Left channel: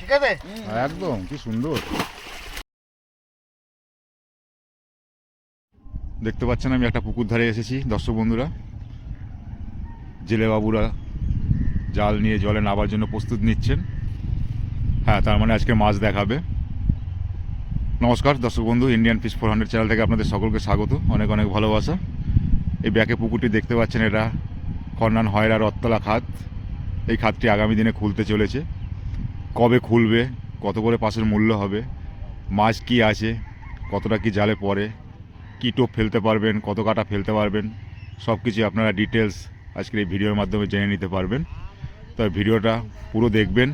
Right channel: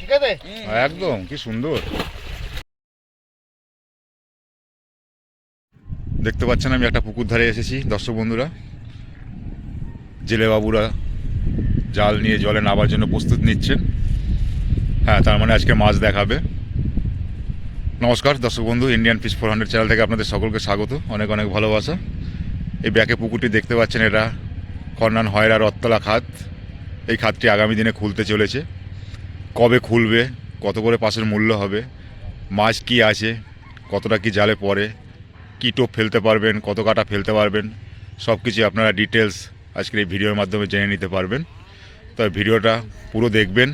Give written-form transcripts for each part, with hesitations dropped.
ঠিক আছে একদম কি সুন্দর দেখতে পাচ্ছেন। আমি একটা পুকুর ধারে এসেছি দর্শক বন্ধুরা। জেলে বাবুরা জাল নিয়ে জলে নামার জন্য প্রস্তুত নিচ্ছেন। হ্যাঁ, তার মানে আজকে মাছ দেখাবে। নমস্কার দর্শক বন্ধু, ইন্ডিয়ান ফিশ 400 চ্যানেল থেকে আপনাদের সকলকে স্বাগত, অনেক অনেক ভালোবাসা। এই ব্যাকে পুকুরটি দেখতে পাচ্ছেন, এটা খন্নান হয়রা রথতলা খাত। এই খাতটি আগামী দিনে খুলতে চলেছে। কবে খুলবে, কত করে পাশের মূল্য হবে, মাছ কি আছে, কতটা কি জালে পড়ে, কী টোপ ফেলতে পারবেন, কত কাটা ফেলতে পারবেন, সব কিছু আপনারা ডিটেলস আজকের এই ভিডিওর মাধ্যমে জেনে নিতে পারবেন। তবে ভিডিওটা পুরো দেখবেন,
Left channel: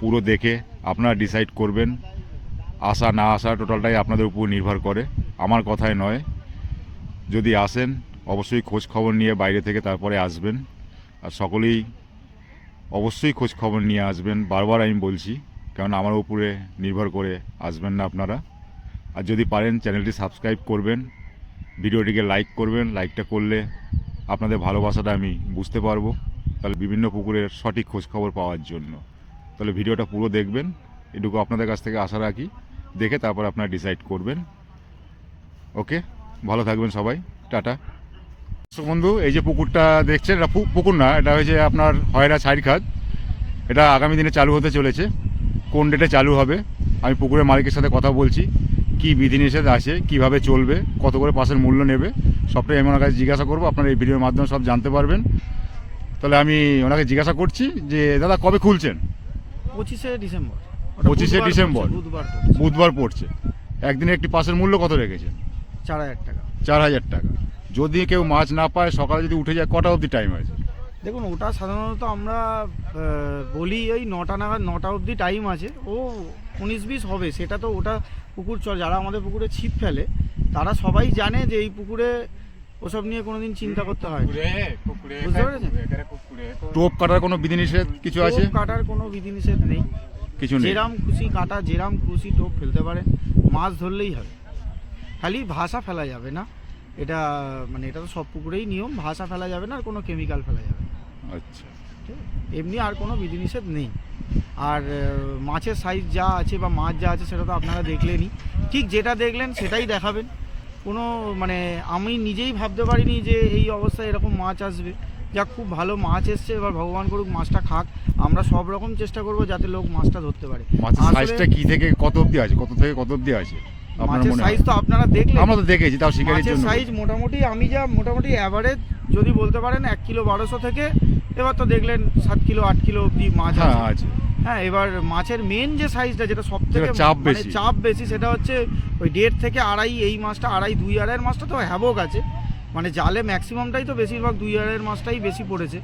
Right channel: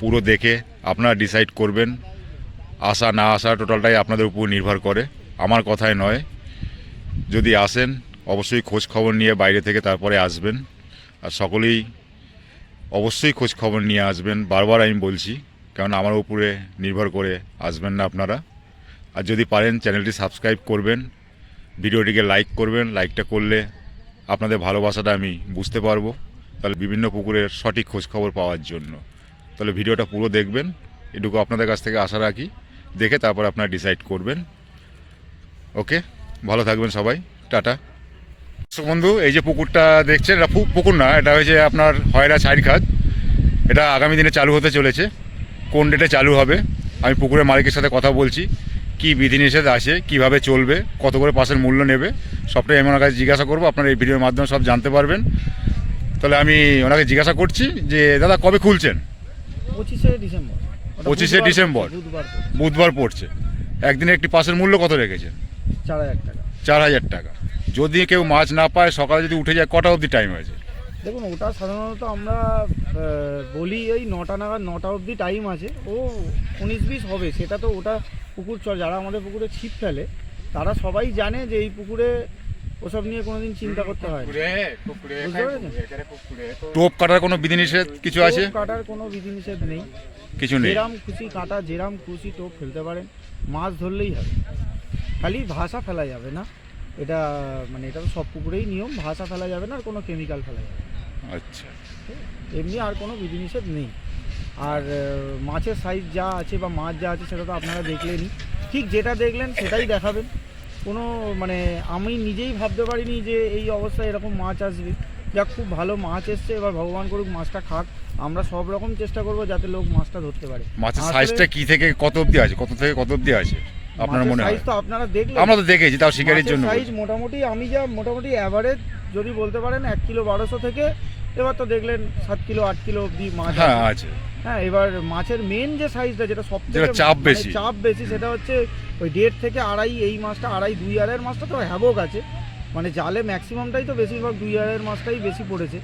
পুরো দেখে আপনারা ডিসাইড করবেন। আসা না আসা টোটালটাই আপনাদের উপর নির্ভর করে, আমার কথায় নয়। যদি আসেন অবশ্যই খোঁজ খবর নিয়ে বাইরে থেকে তারপরে আসবেন। আর সকলেই অবশ্যই খোঁজ খবর নিয়ে আসবেন, বারবার আমি বলছি, কারণ আমার উপরে নির্ভর করে আসবেন না আপনারা। আর যদি পারেন চ্যানেলটি সাবস্ক্রাইব করবেন, ভিডিওটিকে লাইক করবেন। লাইকটা করলে আপনাদের ভালোবাসাটা আমি বুঝতে পারবো, তাহলে বিভিন্ন পুকুরের সঠিক খোঁজ খবর পাওয়ার জন্য। তাহলে ভিডিওটা পুরো দেখবেন, এটুকু আপনাদের কাছ থেকে আশা রাখি। দেখে তারপর আপনারা ডিসাইড করবেন। ওকে, ভালো থাকবেন সবাই, টাটা। বন্ধু, এই যে পুকুরটা দেখছেন, এটা পুকুর না, এটা হয়েছে আপনার হয়রা সাইড খাত। এটা আগামী দিনে চালু হতে চলেছে। কোন ডেটে চালু হবে আমি পুকুরের মালিকের সাথে কথা বলছি। কি বিধিনিষেধ আছে, কিভাবে চলবে, কত করে পাশের মূল্য নেবে, সবটাই আমি ওনার কাছে জিজ্ঞাসা করবো। আপনারা এই ভিডিওর মাধ্যমে সব জানতে পারবেন। তাহলে আমি ওনাকে জিজ্ঞাসা করছি যে দাদা কবে খুলছেন? 25শে ডিসেম্বর। 25শে ডিসেম্বর বুধবার পড়ছে। একদিনে একটি পাশের মূল্য কত রেখেছেন? 4000 টাকা। 4000 টাকা। যদি কেউ মাছ না পায়, সকালে যদি উঠে যায়, কটা অবধি টাইম আছে? দেখুন, ওটা সাধারণত আমরা বলি ওই 9টা নাগাদ, 9টা অবধি টাইম আছে। ও 19-20 হবে, সেটা তো ওটা পুকুর চল, যারা আমাদের পুকুরে ছিপ ফেলে তারা সবাই জানে যে এই পুকুরে ওসব নিয়ে কোনোদিন চিন্তা করতে হয়। বুঝতে পেরেছেন? টোপ কাটার কোনো বিধিনিষেধ কিছু আছে? টোপ কাটার কোনো বিধিনিষেধ নেই, কিছু নেই। যেরাম খুশি কাটা, যেরাম খুশি টোপ ফেলতে পারেন, মাছ ধরলেই হবে। খালি ভাষা ফেলা যাবে না, এটা মানে এটা তো সব পুকুরেই নিয়ম, ভাষা ফেলা যাবে না, আর কোনো কেমিক্যাল ফেলা যাবে না। আচ্ছা, এমনি আর কোনো বিধিনিষেধ নেই। আর মাছের সাইজ যা আছে বা মাছ যা আছে সেটা তো আপনারা দেখলেনই, ঠিক যেটা দেখলেন সেটাই দেখাবেন। কোনো মানে আমি নিজেই ভাবতে পারিনি যে এই অবস্থায় এরকম মাছ আসবে। যা খুব ভালো মাছ এসছে, এবার ভগবান করুক মাছটা খাক। আমরা সব রকম চেষ্টা করব যাতে লোক মাছটা ধরতে পারে। মাছের সাইজটা কি থেকে কত অবধি আছে, কত থেকে কত অবধি আছে আপনার মনে হয়? সাইজ তো আপনারা দেখলেন, আমরা তো দেখেছি, তাও শিকারির জন্য সাইজ মোটামুটি আমি যা মোটামুটি অ্যাভারেজ যদি বলতে পারেন 1 কিলো 1200 থেকে, এবার তো দেখলেন 7 কিলো 8 কিলো অবধি মাছ আছে। হ্যাঁ, এবার মাছের মেন যে সাইজটা, যেটা সবথেকে চাপ বেশি, সেটা হচ্ছে ওই 1.5 থেকে 2.5। এই মাছটা 2.5 2.5 মাছটা তো হ্যাভক আছে, মানে জালে ম্যাক্সিমামটাই তো বেশিরভাগ 2.5 মাছটাই বেশি পড়েছে।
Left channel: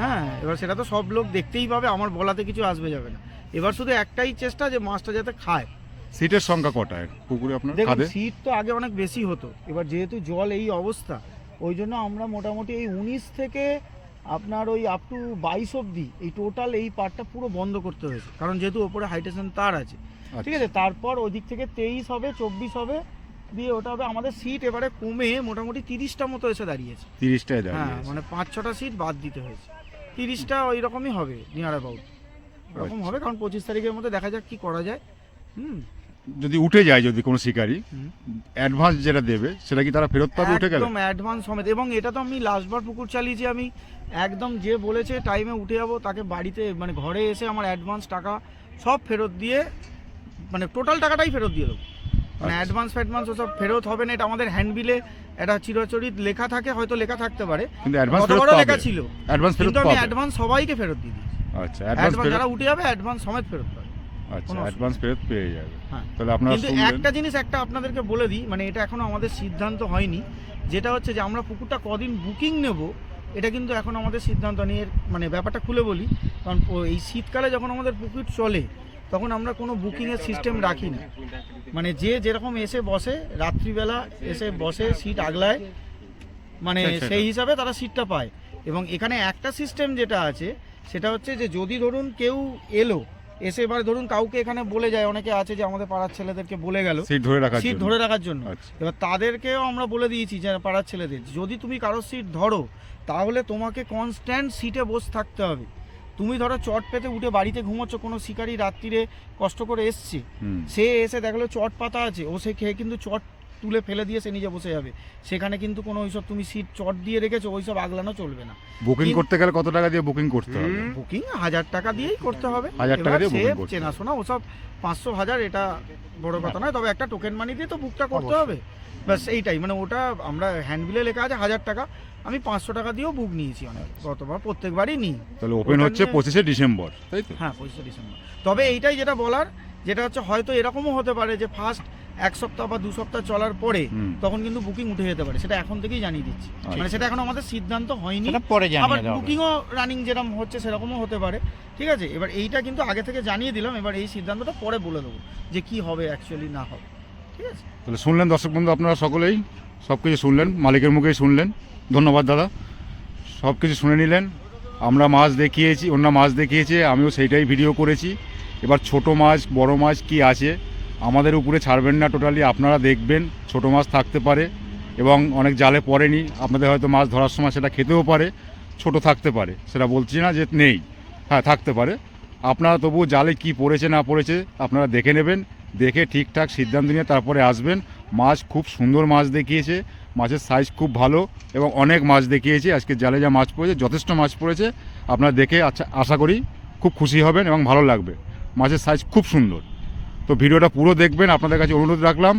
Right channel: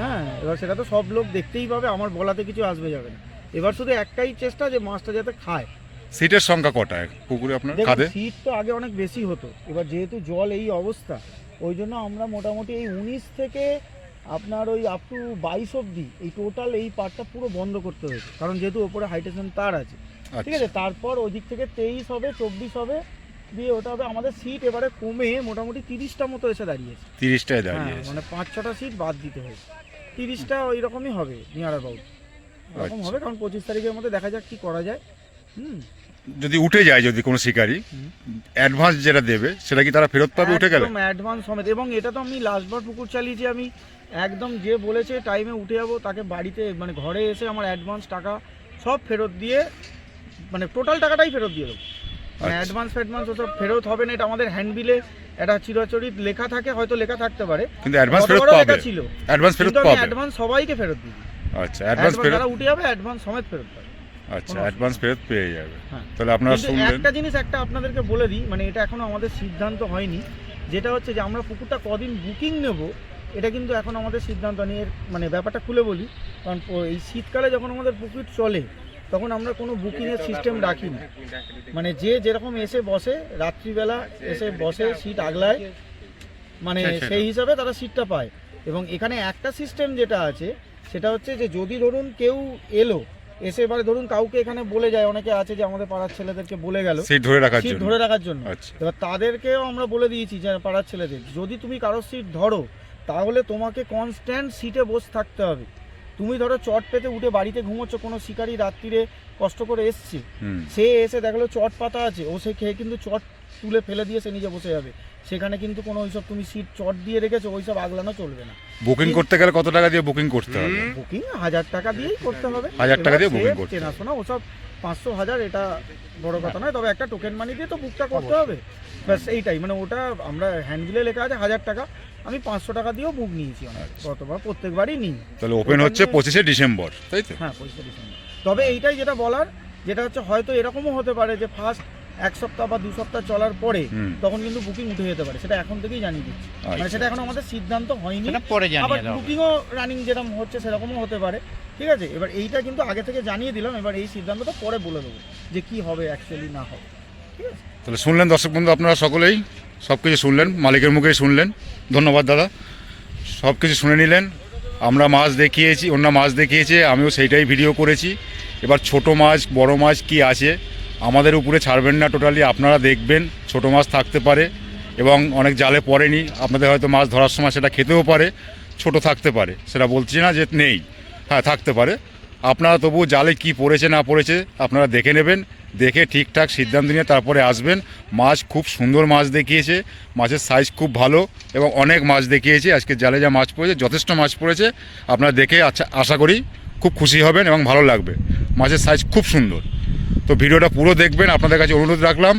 হ্যাঁ, এবার সেটা তো সব লোক দেখতেই পাবে, আমার বলাতে কিছু আসবে যাবে না। এবার শুধু একটাই চেষ্টা যে মাছটা যাতে খায়। সিটের সংখ্যা কটা পুকুরে আপনার? সিট তো আগে অনেক বেশি হতো, এবার যেহেতু জল এই অবস্থা, ওই জন্য আমরা মোটামুটি এই 19 থেকে আপনার ওই আপ টু 22 অবধি এই টোটাল এই পার্টটা পুরো বন্ধ করতে হয়েছে, কারণ যেহেতু ওপরে হাইটেশন তার আছে। ঠিক আছে, তারপর ওদিক থেকে 23 হবে, 24 হবে, দিয়ে ওটা হবে। আমাদের সিট এবারে কমে মোটামুটি 30টা মতো এসে দাঁড়িয়েছে। 30টায় দাঁড়িয়েছে, মানে 5-6টা সিট বাদ দিতে হয়েছে। 30টা ওই রকমই হবে, নিয়ার অ্যাবাউট এরকম হবে। কারণ 25 তারিখের মধ্যে দেখা যাক কি করা যায়। যদি উঠে যায়, যদি কোনো শিকারি অ্যাডভান্স যেটা দেবে সেটা কি তারা ফেরত পাবে উঠে গেলে? একদম অ্যাডভান্স সমেত। এবং এটা তো আমি লাস্টবার পুকুর চালিয়েছি, আমি একদম যে বলেছে টাইমে উঠে যাবো তাকে বাড়িতে মানে ঘরে এসে আমার অ্যাডভান্স টাকা সব ফেরত দিয়ে, মানে টোটাল টাকাটাই ফেরত দিয়ে দেবো। মানে অ্যাডভান্স ওসব ফেরত হবে না। এটা আমাদের হ্যান্ডবিলে একটা চিরাচরিত লেখা থাকে, হয়তো লেখা থাকতে পারে, কিন্তু অ্যাডভান্স ফেরত পাবে ছিল, অ্যাডভান্স ফেরত পাবে। অ্যাডভান্স সবাইকে ফেরত দিই। আচ্ছা, অ্যাডভান্স ফেরত যারা উঠে যাবে অ্যাডভান্স সমেত ফেরত পাবে। আচ্ছা, অ্যাডভান্স ফেরত পেয়ে যাবে। তাহলে আপনারা শুনলেন। একটা জিনিস আপনাদেরকে বলে দিই, মানে এটা এখনো আমাদের সিদ্ধান্ত হয়নি, যেটা হচ্ছে যে আমরা পুকুরটা কদিন বুকিং নেব, এটা কিন্তু এখন আমাদের সিদ্ধান্ত নেই। মানে ব্যাপারটা খুলে বলি, কারণ এই শীতকালে যখন আমাদের পুকুর চলে তখন আমরা কোনো বুকিংয়ের সিস্টেম রাখি না। মানে যে যেরকম এসে বসে, রাত্রিবেলা এসে বসে, সিট আগলায়, মানে সেই হিসাবে তারা সিটটা পায়। এবং এখানে একটা সিস্টেম যেটা আছে সেটা হচ্ছে যে যদি ধরুন কেউ এলো, এসে এবারে ধরুন কাউকে এখানে বলে যায়, অনেকে আছে যে আমাদের পাড়ার ছেলেদেরকে বলে গেল সিট ধরে রাখার জন্য। আচ্ছা। এবার তাদেরকেও আমরা বলে দিয়েছি যে পাড়ার ছেলেদের, যদি তুমি কারোর সিট ধরো তাহলে তোমাকে কনস্ট্যান্ট সিটে বসে থাকতে হবে। তুমি ধরো চট পেতে উঠে বাড়িতে ঘুমোচ্ছ, কোনো শিকারি রাত্রিরে কষ্ট করে এসছে, সে এসে দেখলো চট পাতা আছে, ও সে খেয়ে কিন্তু চট তুলে ফেলে দিয়ে সে নিজে বসে যাবে। সেখানে কিন্তু কোনো ওইসব তুমি সিট চট দিয়ে রেখেছো ওইসব আগলানো চলবে না। বুকিং করতে গেলে কত টাকা দিয়ে বুকিং করতে হবে? বুকিং 1000 টাকা দিয়েই করতে হবে। 1000 টাকা দিয়ে বুকিং করতে হবে। চেনাশোনা ওসব 500 1000 এটা বড় কথা নয়, তবে একটা টোকেন মানি দিয়ে তো বুকটা করতে হবে, ব্যাস এইটাই। মানে ওটা আমরা হ্যান্ডবিলে লেখা আছে 1000 টাকা, আমি 500 টাকা দিয়েও বুক নিয়েছি অনেক, কতবার প্রত্যেকবারই নিই। তাহলে ওপেন হচ্ছে 25শে ডিসেম্বর, তাই তো? হ্যাঁ 25শে ডিসেম্বর। তবে এইটাই যেটা বলার, যেটা হচ্ছে হয়তো এরকমও হতে পারে যে ফার্স্ট 1 সপ্তাহ বা 2 সপ্তাহ চলার পরে তখন কিন্তু বুকিং উঠে যেতে পারে, সেটা এখন থেকেই জানিয়ে দিচ্ছি। মানে সেটা এখন আমাদের সিদ্ধান্ত হয়নি, আবার বুকিংও রানিং যেরকম হচ্ছে সেরকমও হতে পারে, ঠিক আছে। এবার এইটা কিন্তু আগে থেকে জানিয়ে দিলাম, এবার এই সিদ্ধান্তটা পরে বলে দেবো যে কি হবে অ্যাকচুয়ালি না হবে, ঠিক আছে। তাহলে শুনলেন দর্শক বন্ধু, আপনারা সকলেই সব কিছু শুনলেন, মালিকের মুখেই শুনলেন। ধন্যবাদ দাদা, সব কিছু শুনে নিলেন। আমরা মাছ দেখিয়েছি, অন্য মাছ দেখিয়েছে, আমিও সেইটাই ভিডিও করেছি। এবার ছোট মাছ বড় মাছ কি আছে আমাদের উপরে ছাড়বেন না টোটালি, আপনারা দেখবেন। ছোট মাছ থাকতে পারে এবং অনেক জালে পড়েনি, আপনাদের হয়তো মাছ ধরার সময় সেটা খেতেও পারে, ছোট থাকতে পারে, সেটা বলছি না যে নেই, হ্যাঁ থাকতে পারে। আপনারা তবু জালে কি পড়েছে না পড়েছে আপনারা দেখে নেবেন, দেখে ঠিকঠাক সিদ্ধান্ত নিয়ে তারপরে আসবেন। মাছ খুব সুন্দর মাছ দেখিয়েছে, মাছের সাইজ খুব ভালো এবং অনেক মাছ দেখিয়েছে। আজকে জালে যা মাছ পড়েছে যথেষ্ট মাছ পড়েছে, আপনারা দেখে আশা করি খুব খুশি হবেন এবং ভালো লাগবে। মাছের সাইজ খুব সুন্দর। তো ভিডিওটা পুরো দেখবেন, আপনাদের কাছে অনুরোধ রাখলাম।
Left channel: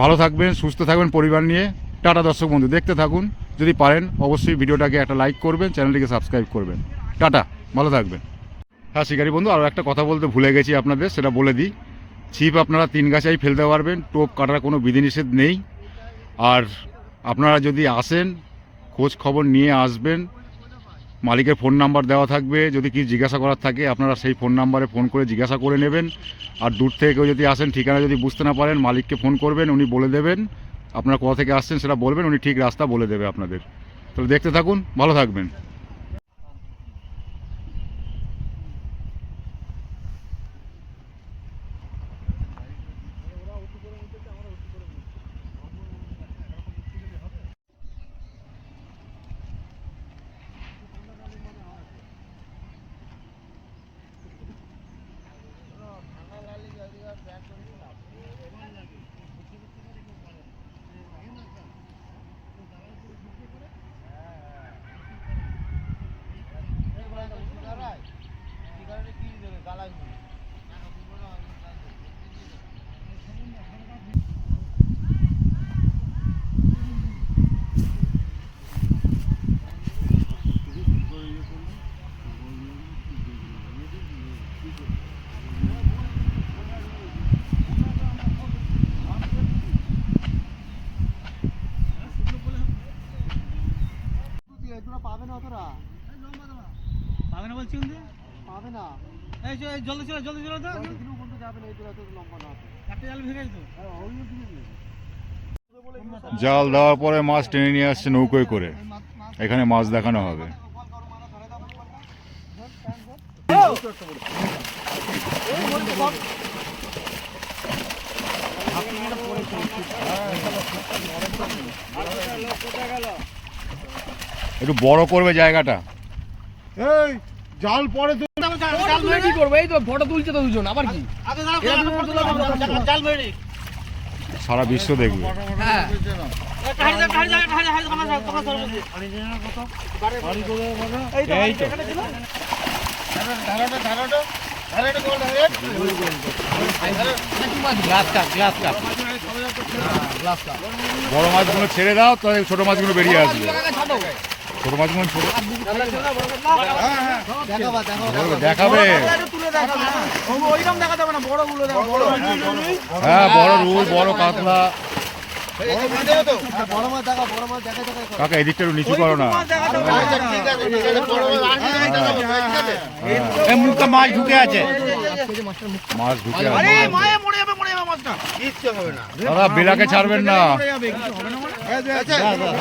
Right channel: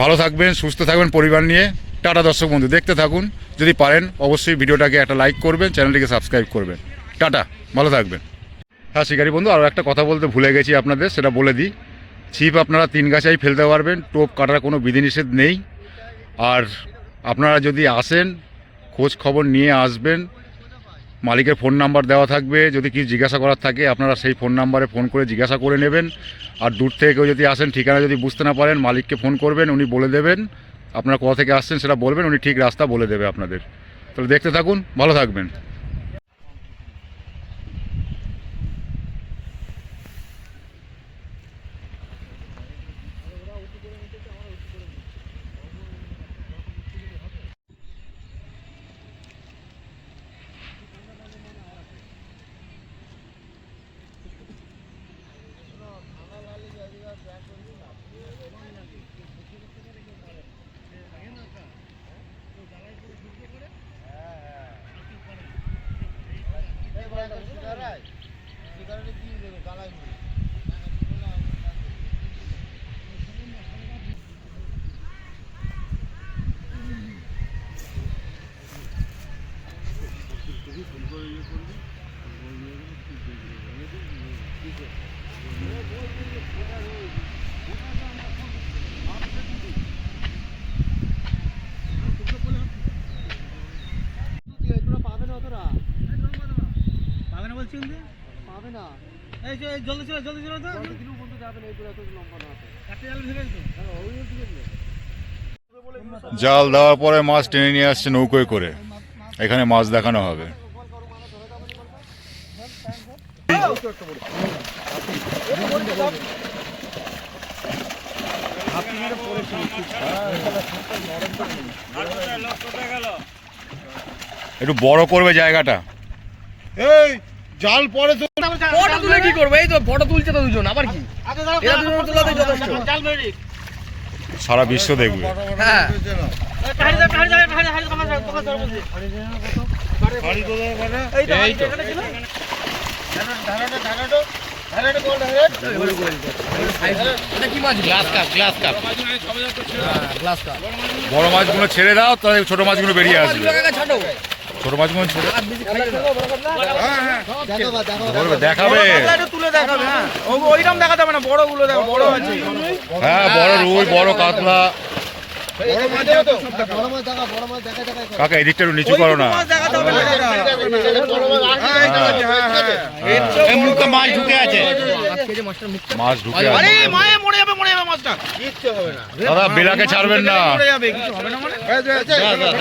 ভালো থাকবেন, সুস্থ থাকবেন পরিবার নিয়ে। টাটা দর্শক বন্ধু, দেখতে থাকুন। যদি পারেন অবশ্যই ভিডিওটাকে একটা লাইক করবেন, চ্যানেলটিকে সাবস্ক্রাইব করবেন। টাটা, ভালো থাকবেন। হ্যাঁ শিকারি বন্ধু, আরও একটা কথা বলতে ভুলে গেছি আপনাদের, সেটা বলে দিই। ছিপ আপনারা 3 গাছাই ফেলতে পারবেন, টোপ কাটার কোনো বিধিনিষেধ নেই। আর আপনারা যদি আসেন খোঁজ খবর নিয়ে আসবেন, মালিকের ফোন নাম্বার দেওয়া থাকবে, যদি কিছু জিজ্ঞাসা করার থাকে আপনারা সেই ফোন নাম্বারে ফোন করে জিজ্ঞাসা করে নেবেন। আর দূর থেকে কেউ যদি আসেন, ঠিকানা যদি বুঝতে না পারেন, মালিককে ফোন করবেন, উনি বলে দেবেন। আপনারা কোথা থেকে আসছেন সেটা বলবেন, উনি ঠিক রাস্তা বলে দেবে আপনাদের। তাহলে দেখতে থাকুন, ভালো থাকবেন। পাবে না, এই যে জলদি চলে তো বন্ধু যাবে না, এই দূরে এত লম্বা না আছে, একটা জাল ভেঙে দিত। জাল দেওয়ার পরে মাছ টেনে নিয়ে আসছে নৌকোয় করে, এখানে মাছ দেখানো হবে। একটু বড় করবে জায়গাটা। এই জাল পরে তো ফটো তুলে কি করবে? এই তো ফটো তুলছে তো দুজন, আবার কি এরা দুজন তোলাতে যথেষ্ট। সারা বিশ্ব দেখবে। হ্যাঁ বড় মাছগুলো ছেড়ে দাও, তাহলে ছোট মাছগুলো বেরিয়ে আসবে। ছোট মাছগুলো ছেড়ে দেখাবে। হ্যাঁ বড় রুই, বড় কাতলা, কাকা এদিকটা একটু নিচু করো না। মাছ ঢুকে আছে। মাছ ঢুকে আছে দাদা, বেলাকে ছাড়বেন না।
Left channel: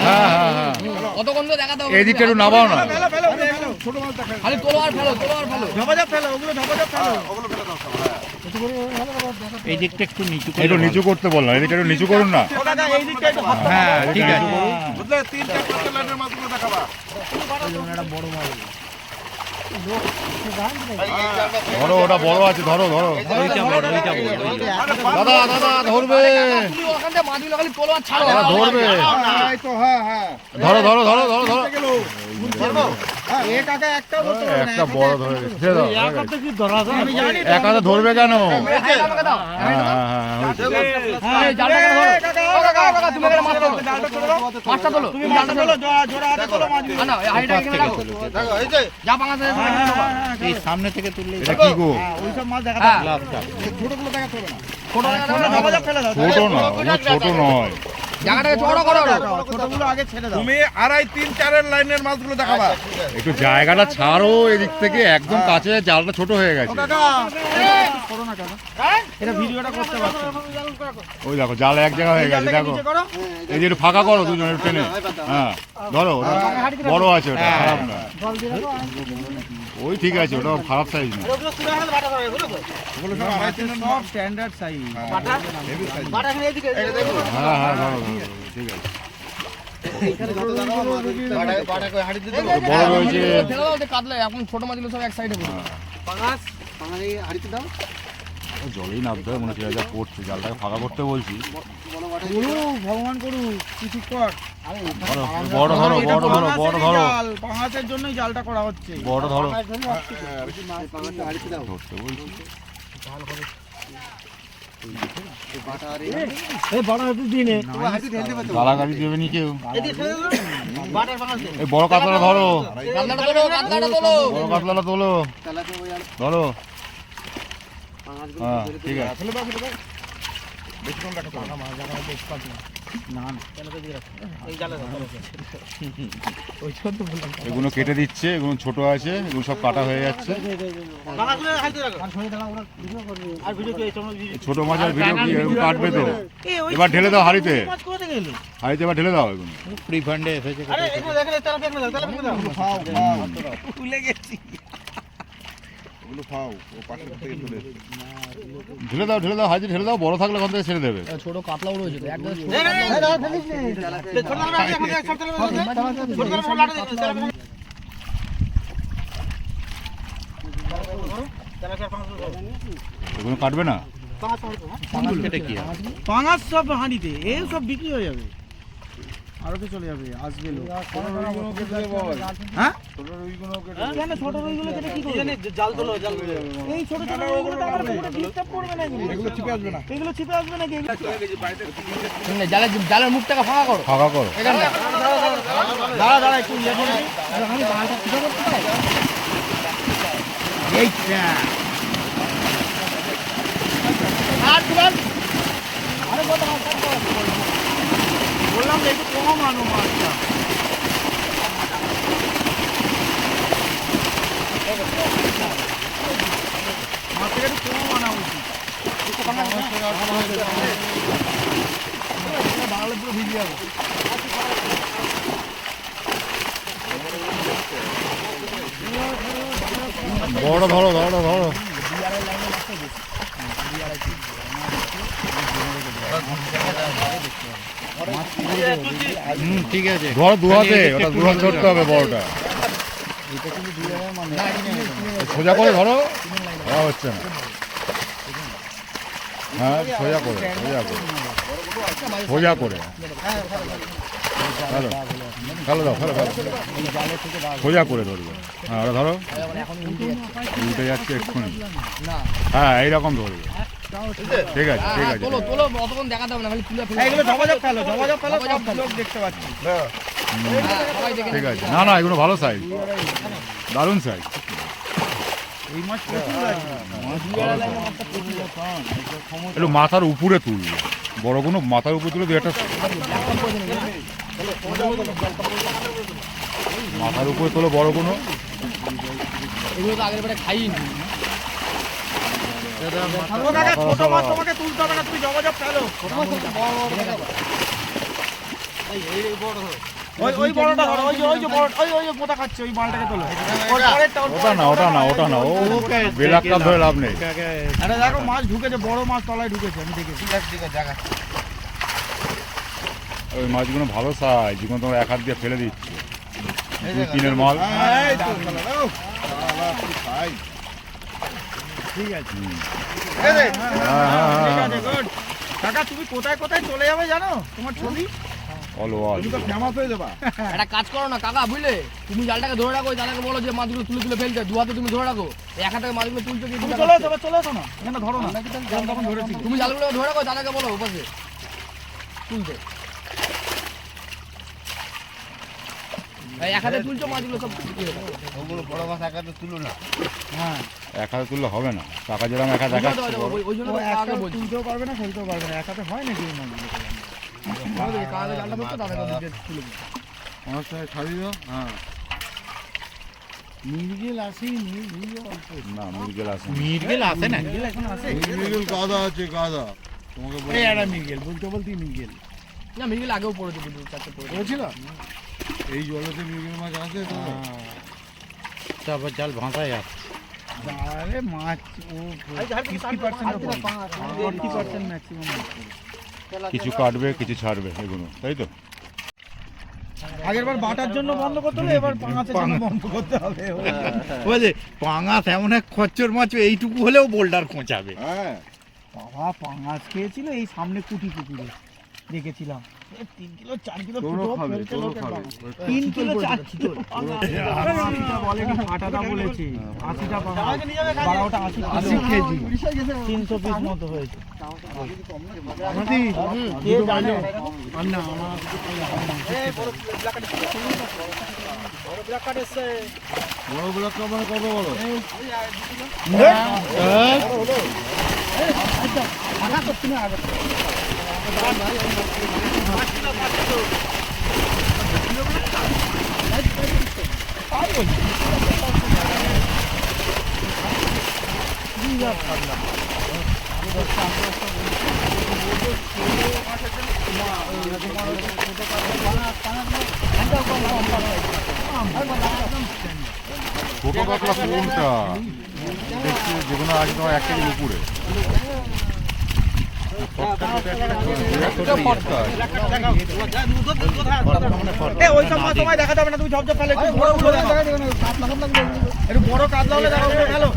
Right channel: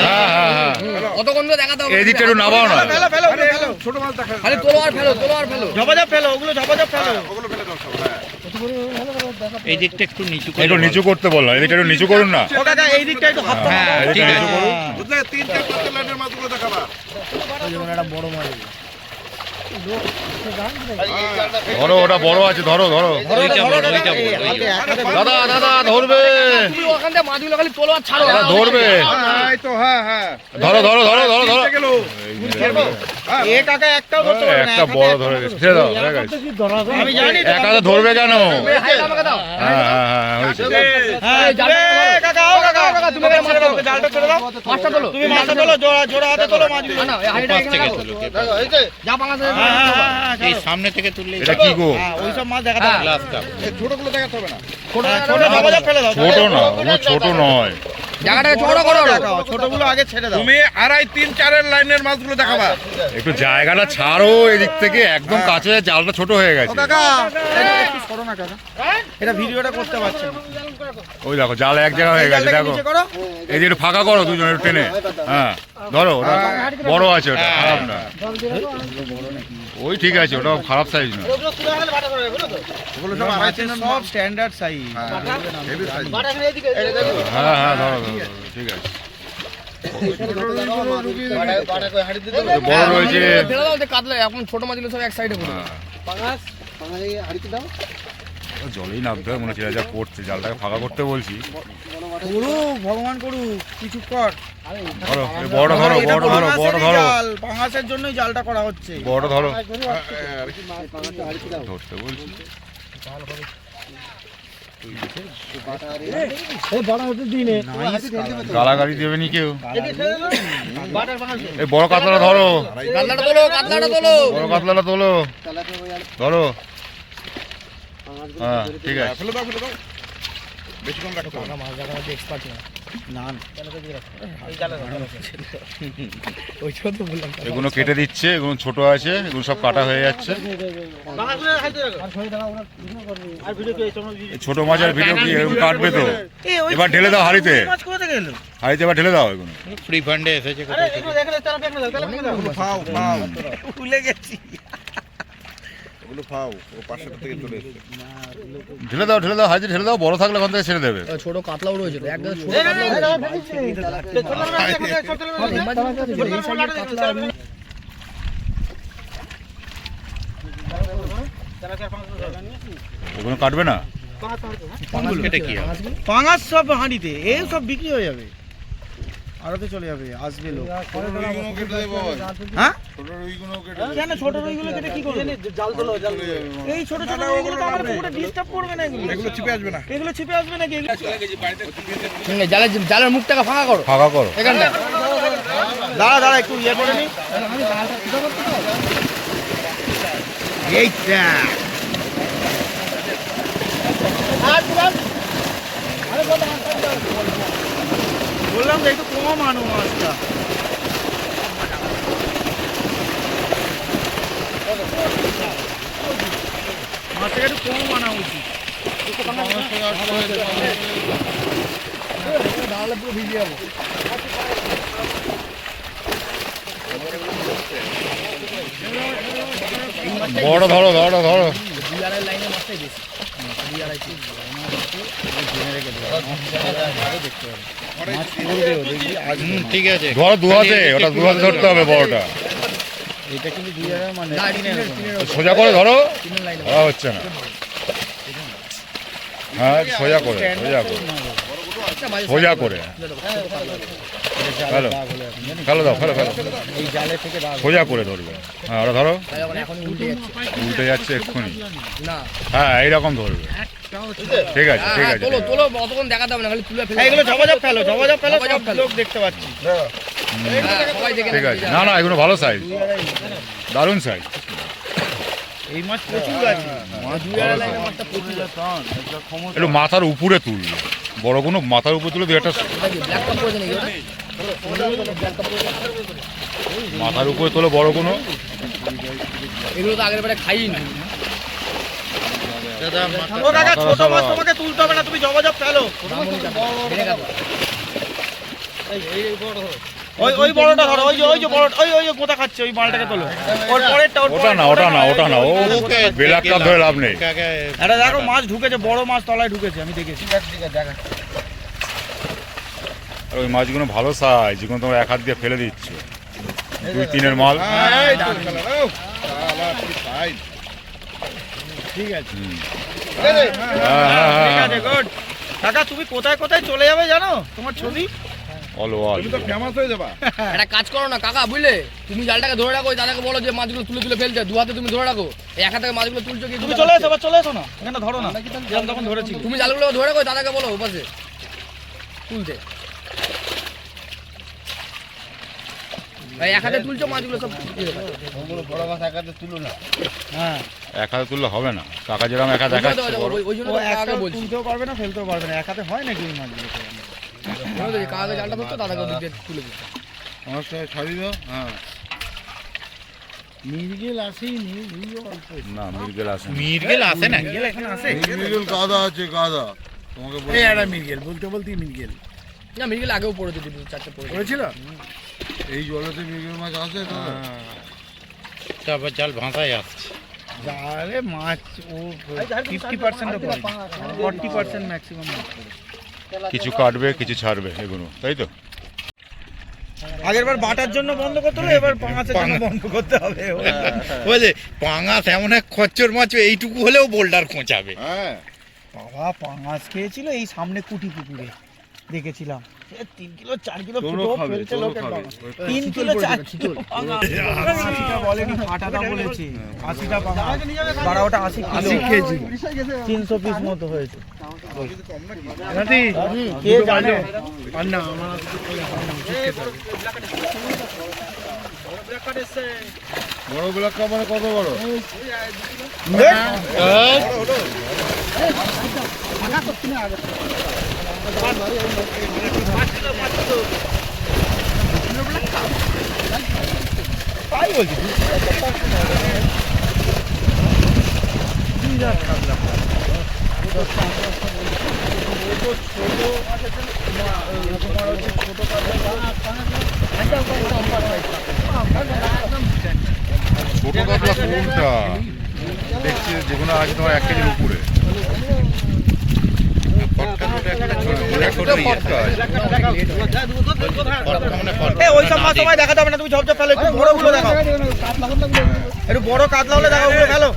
হ্যাঁ হ্যাঁ হ্যাঁ, কতক্ষণ ধরে দেখাতে হবে? এই দিকটা একটু নামাও না। ছোট মাছ দেখা খালি তোলো আর ফেলো, তোলো আর ফেলো। ঝপাঝপ ফেলো, ওগুলো ঝপাঝপ ফেলো। এই দিকটা একটু নিচু একটু নিচু করতে বললাম, এদিকটা একটু নিচু করুন না। এই দিকটা একটু হাত হ্যাঁ, এদিকটা নিচু করুন। বুঝলে 3-4 লাইনের মাছগুলো দেখাবা। ধরো, ওটা বড় আছে, ধরো ধরো। দাদা দাদা ধরবে, তুই ওখান থেকে মাছগুলো খালি তোলো আর ছাড়ো। দাদা ধরবে। এই তো হ্যাঁ হ্যাঁ। ধরো ধরো ধরো ধরো ধরো। এ কাকা একটাও ধরতে পারবে না, একটা বড় ধরে গেছে, ছেড়ে দাও, হয়ে গেছে। এক হাতে ধরবে কেন? আমাকে দাও। হ্যাঁ হ্যাঁ হ্যাঁ, হয়েছে। হ্যাঁ, এই জালটা ধরো। কাকা, তুমি এখানে মাছ তোলো। জালটা ছেড়ে দাও। মাছটা তোলো। তুমি মাছটা তোলো, জোড়া হাতে তোলো মাছগুলো। না, এই হাঁড়িটা এখানে রাখো। যা পাঙাশ আছে, এই সামনে থেকে তুললে এটা কি গো? ওইসব মাছ দেখাতে হবে না। ছোটগুলো দেখাতে হবে না। ছোট ঝপাঝপ ফেলে দাও। ছোট না, ওগুলো ছোট নয়। জায়গাটাকে ছোট করো। ছোটগুলো আগে ছেড়ে দাও। তুমি 2.5-3-4 লাইনের মাছগুলো দেখাবা। একটু জায়গাটা ছাড়ো এদিক থেকে, একদম কাছে, জালটা ছোট হয়ে গেছে। কাকা একটু সরো না কাকা, এটা ভিডিওটা করতে পারছি না। ওই দেখো, জাল এক জায়গা হয়ে গেছে, দেখো। নিচে করো। এই যে একটু ফাঁকা করো, দুজন একটু টেনে। হ্যাঁ ধরো, ওটা বড় আছে, ওটা খারাপ না। ওই ঠিক আছে, ওটা খারাপ সাইজ না। ওগুলো তুলে আনলে বাটা হবে, বুঝলো তো? ওগুলো সব 2.5-3 সব স্ট্যান্ডার্ড সাইজ। Heavy size. হ্যাঁ হ্যাঁ, ধরো ধরো ধরো, ঠিক আছে। বড় রয়েছে। ফেলে দাও, কাতলা এখন ছোট মাছগুলো সব এক সাইডে পড়ে। ও জলেই নামতে হবে মনে হচ্ছে, যা পড়ছে, জালটাকে ফাঁকা করতে বলছি। ভগবান করু কিছু কর। ধরো, এই বড়টা ধরো, বড়টা ধরো, বড়টা ধরো, পাঙাশের জন্যই জালটা করা হচ্ছে। বড়টা ধরো। ধরতে বলছি। গালাগালি দেবে নি কেউ। এই বড় কাতলাটা ধরো, কাতলাটা তোলো, কাতলাটা তোলো। বড় কাতলাটা তোলো, ধরো। হ্যাঁ ঠিক আছে। ফেলে দাও, ফেলে দাও। বেশি কম রাখতে হবে না। এগুলো কেটে দিচ্ছে, এগুলো ছোট আছে, এগুলো সব কাটা হয়ে যাচ্ছে। এই ছোট মাছের ভিডিও কি এরকম কাটবে তো? এবার ঢেলে দাও হাঁড়িতে, হাঁড়িতে এবার ঢেলে দাও। এগুলো ফ্রি ফান্ডে এসেছে কোথায় থেকে? ওগুলো ফাও, ও পাশের থেকে চলে এসেছে। ঢেলে দাও, ঢেলে দাও, হাঁড়িতে ঢেলে দাও। বড় থাকলে ওখান থেকে ছেড়ে দেবে। ছোট কাতলাও রয়েছে তো, একদম ছোট কাতলা। এগুলো কাটবে না। কেটে কি হবে? পাঙাশ সব হাঁড়িতে, এই সব বিক্রি হয়ে যাবে, আরতে চলে যাবে, আসবে লোক। ছোট রুইগুলো কেটে দেবো। হ্যাঁ ছোট রুইগুলো কেটে কেন ছোট রুইগুলো কেটে কি করবে? এই ছোট ছোট রুইগুলো তো আমার পুরোটা ডিস্টার্ব করবে না। এগুলো চিপে আসবে না। এগুলো ছিপে আসবে নাকি? জালের মুখটাকে ফাঁকা করো ফাঁকা করো। এখানটা। দাঁড়া দাঁড়া একটু ইয়ে করে নি। এইটা বললাম যে একটু কম আনো মাছটা। মাছটা একটু কম আনা উচিত। বাংলা পুরো ভিজে যাবে। বড় ধরো, ধরো ধরো। ঠিক আছে। ধরো দু হাতে, ওটা দু হাতে ধরতে হবে বড়টা। সোজা করে ধরো, ধরা হচ্ছে না। হ্যাঁ সোজা করে, সোজা করে, সোজা করে। ফেলো, ফেলো দাও, ফেলো ফেলো, সোজা করে ধরবে। হ্যাঁ ওটা ধরো, উল্টে যাচ্ছে এক্ষুনি। হ্যাঁ এইরকম ধরবে। ঠিক আছে ঠিক আছে। তোলো তোলো, অতক্ষণ দেখাতে হবে না, খালি তুলে ফেলে। এগুলো ঝপাঝপ ফেলো, ঝপাঝপ ফেলো, সব লোক দেখতে পাচ্ছি। ঠিক আছে। না না, এগুলো ভালো সাইজ, দারুণ সাইজ। এই মাছ প্রচুর আছে। একটু মাথার উপরে তুলবে। বড় কোনো মাথার উপর তুলে দু একটা মাথার উপরে তোলো বড় কোনো। এগুলো তো আগের বারে খাইনি। ও দাদা ছোট মাছ তোমাকে তুলতে হবে না, তুমি জবজব ফেলো। ওই বড়টা ধরো, ওই যে বড়, ওই মোটা খাচ্ছে, ওই মালটাকে তোলো। ওটা না ও বেলার কাপ ধরে লাভ নেই। আরে দেখো মাছ ঢুকেছে, বড় মাছ তলায় ঢুকেছে, আমি দেখেছি। আর ওই মাছগুলো ভালো সাইজ, যেগুলো তোমরা এক হাত দিয়ে ফেলে দিচ্ছ, 2-3 মাল। ঠিক আছে হ্যাঁ গুড। কাকা তুমি কোথায় কোথায় চলে যাবে জানো, তোমার ছবি অল ফেমাস হয়ে যাবা। একটা কাজ করো না কাকা, বুঝলে, তুমি জালটাকে ধরে রাখো, দাদাকে বলো যে মাছগুলো তুলে তুলে ফেলতে, দু হাতে তুমি ধরে রাখো, এক হাতে মাছগুলো তুলছো কি তুমি চলে এসো, চলে এসো না, এখানে ধরো না, যেরকম তখন ধরেছি। তুমি জালগুলো ধরে রাখো, দাদাকে বলো ওপাশে তুলতে। এক হাতে তুলছো মাছগুলো সব বড় মাছ একাতে তুলো না। হ্যাঁ এক হাতে তুললে হবে না, কাকা যেরকম একা দেখাচ্ছে বড়। ওই জন্য ও কাকাকে একটা বলছি, তুলতেও পারবে না, ফেলতেও পারবে না, এক হাতে হয় নাকি এই মাছগুলো? কাকাকে জালটা ধরতো, দাদাকে দিকে তুলে দিতো। আমার সাথে ছাড়ি দাও। হ্যাঁ মির্গেল আসেনি, না মির্গেল আসে না। মির্গেল আসে না। মির্গেল এখন আসে। মির্গেল গাদা আছে গাদা। তোমাকে বলি এই একটা মির্গেল, বলতে বলতেই মির্গেল না মির্গেল আগেও পড়েছে, 2-4টা পড়েছে। করেছিল। এই জলেতে মির্গেল মাছ আসে তো। তারপর জাল ভাসায় আসছে। আরে মাছ ও 50% পড়ে, 40% ম্যাক্সিমাম মাছ পড়ে। কিছু কাটবে কিছু ছাড়বে এগুলো, তাই তো? আগের বার বাটার জন্য বন্ধ করতে হবে, এবার পাঙাচের জন্য বন্ধ করতে হবে। বুঝলে পাঙাশ এমন এক খচ্চর মাছ, এইটুকু হলেও বোল্ডার খোঁচাবে। হ্যাঁ বাবা পাঙাশ খেয়েছিল এই সামনে কুটি পুকুরে, দেখেছিলাম 3 কিলো 4 কিলো তোরও পুরো খাবে, ফেলতে তোরও লোকের খাবে। বাবা। 3 কিলো 4 কিলো পাঙাশ। 80টা বলেনি, কাটাটা বলেছে 80টা পাঙাশ, 12টা 80 কেজি, 300 পিস মতো হয়েছে। নাতি কে জানে? আর না আমার বড় ব্ল্যাক কাপ মানে কত বড়? ছোট কাতলা কোনটা দেখছি, যেগুলো আছে তোমার 1 কেজির উপরে। ওই সব মাছ সময় দেখাতে হবে না, তুমি ঝপঝপ ফেলো, একটু বড়গুলো দেখাও, একটু বড় কাতলা হলে দেখাও, ওগুলো ফেলো।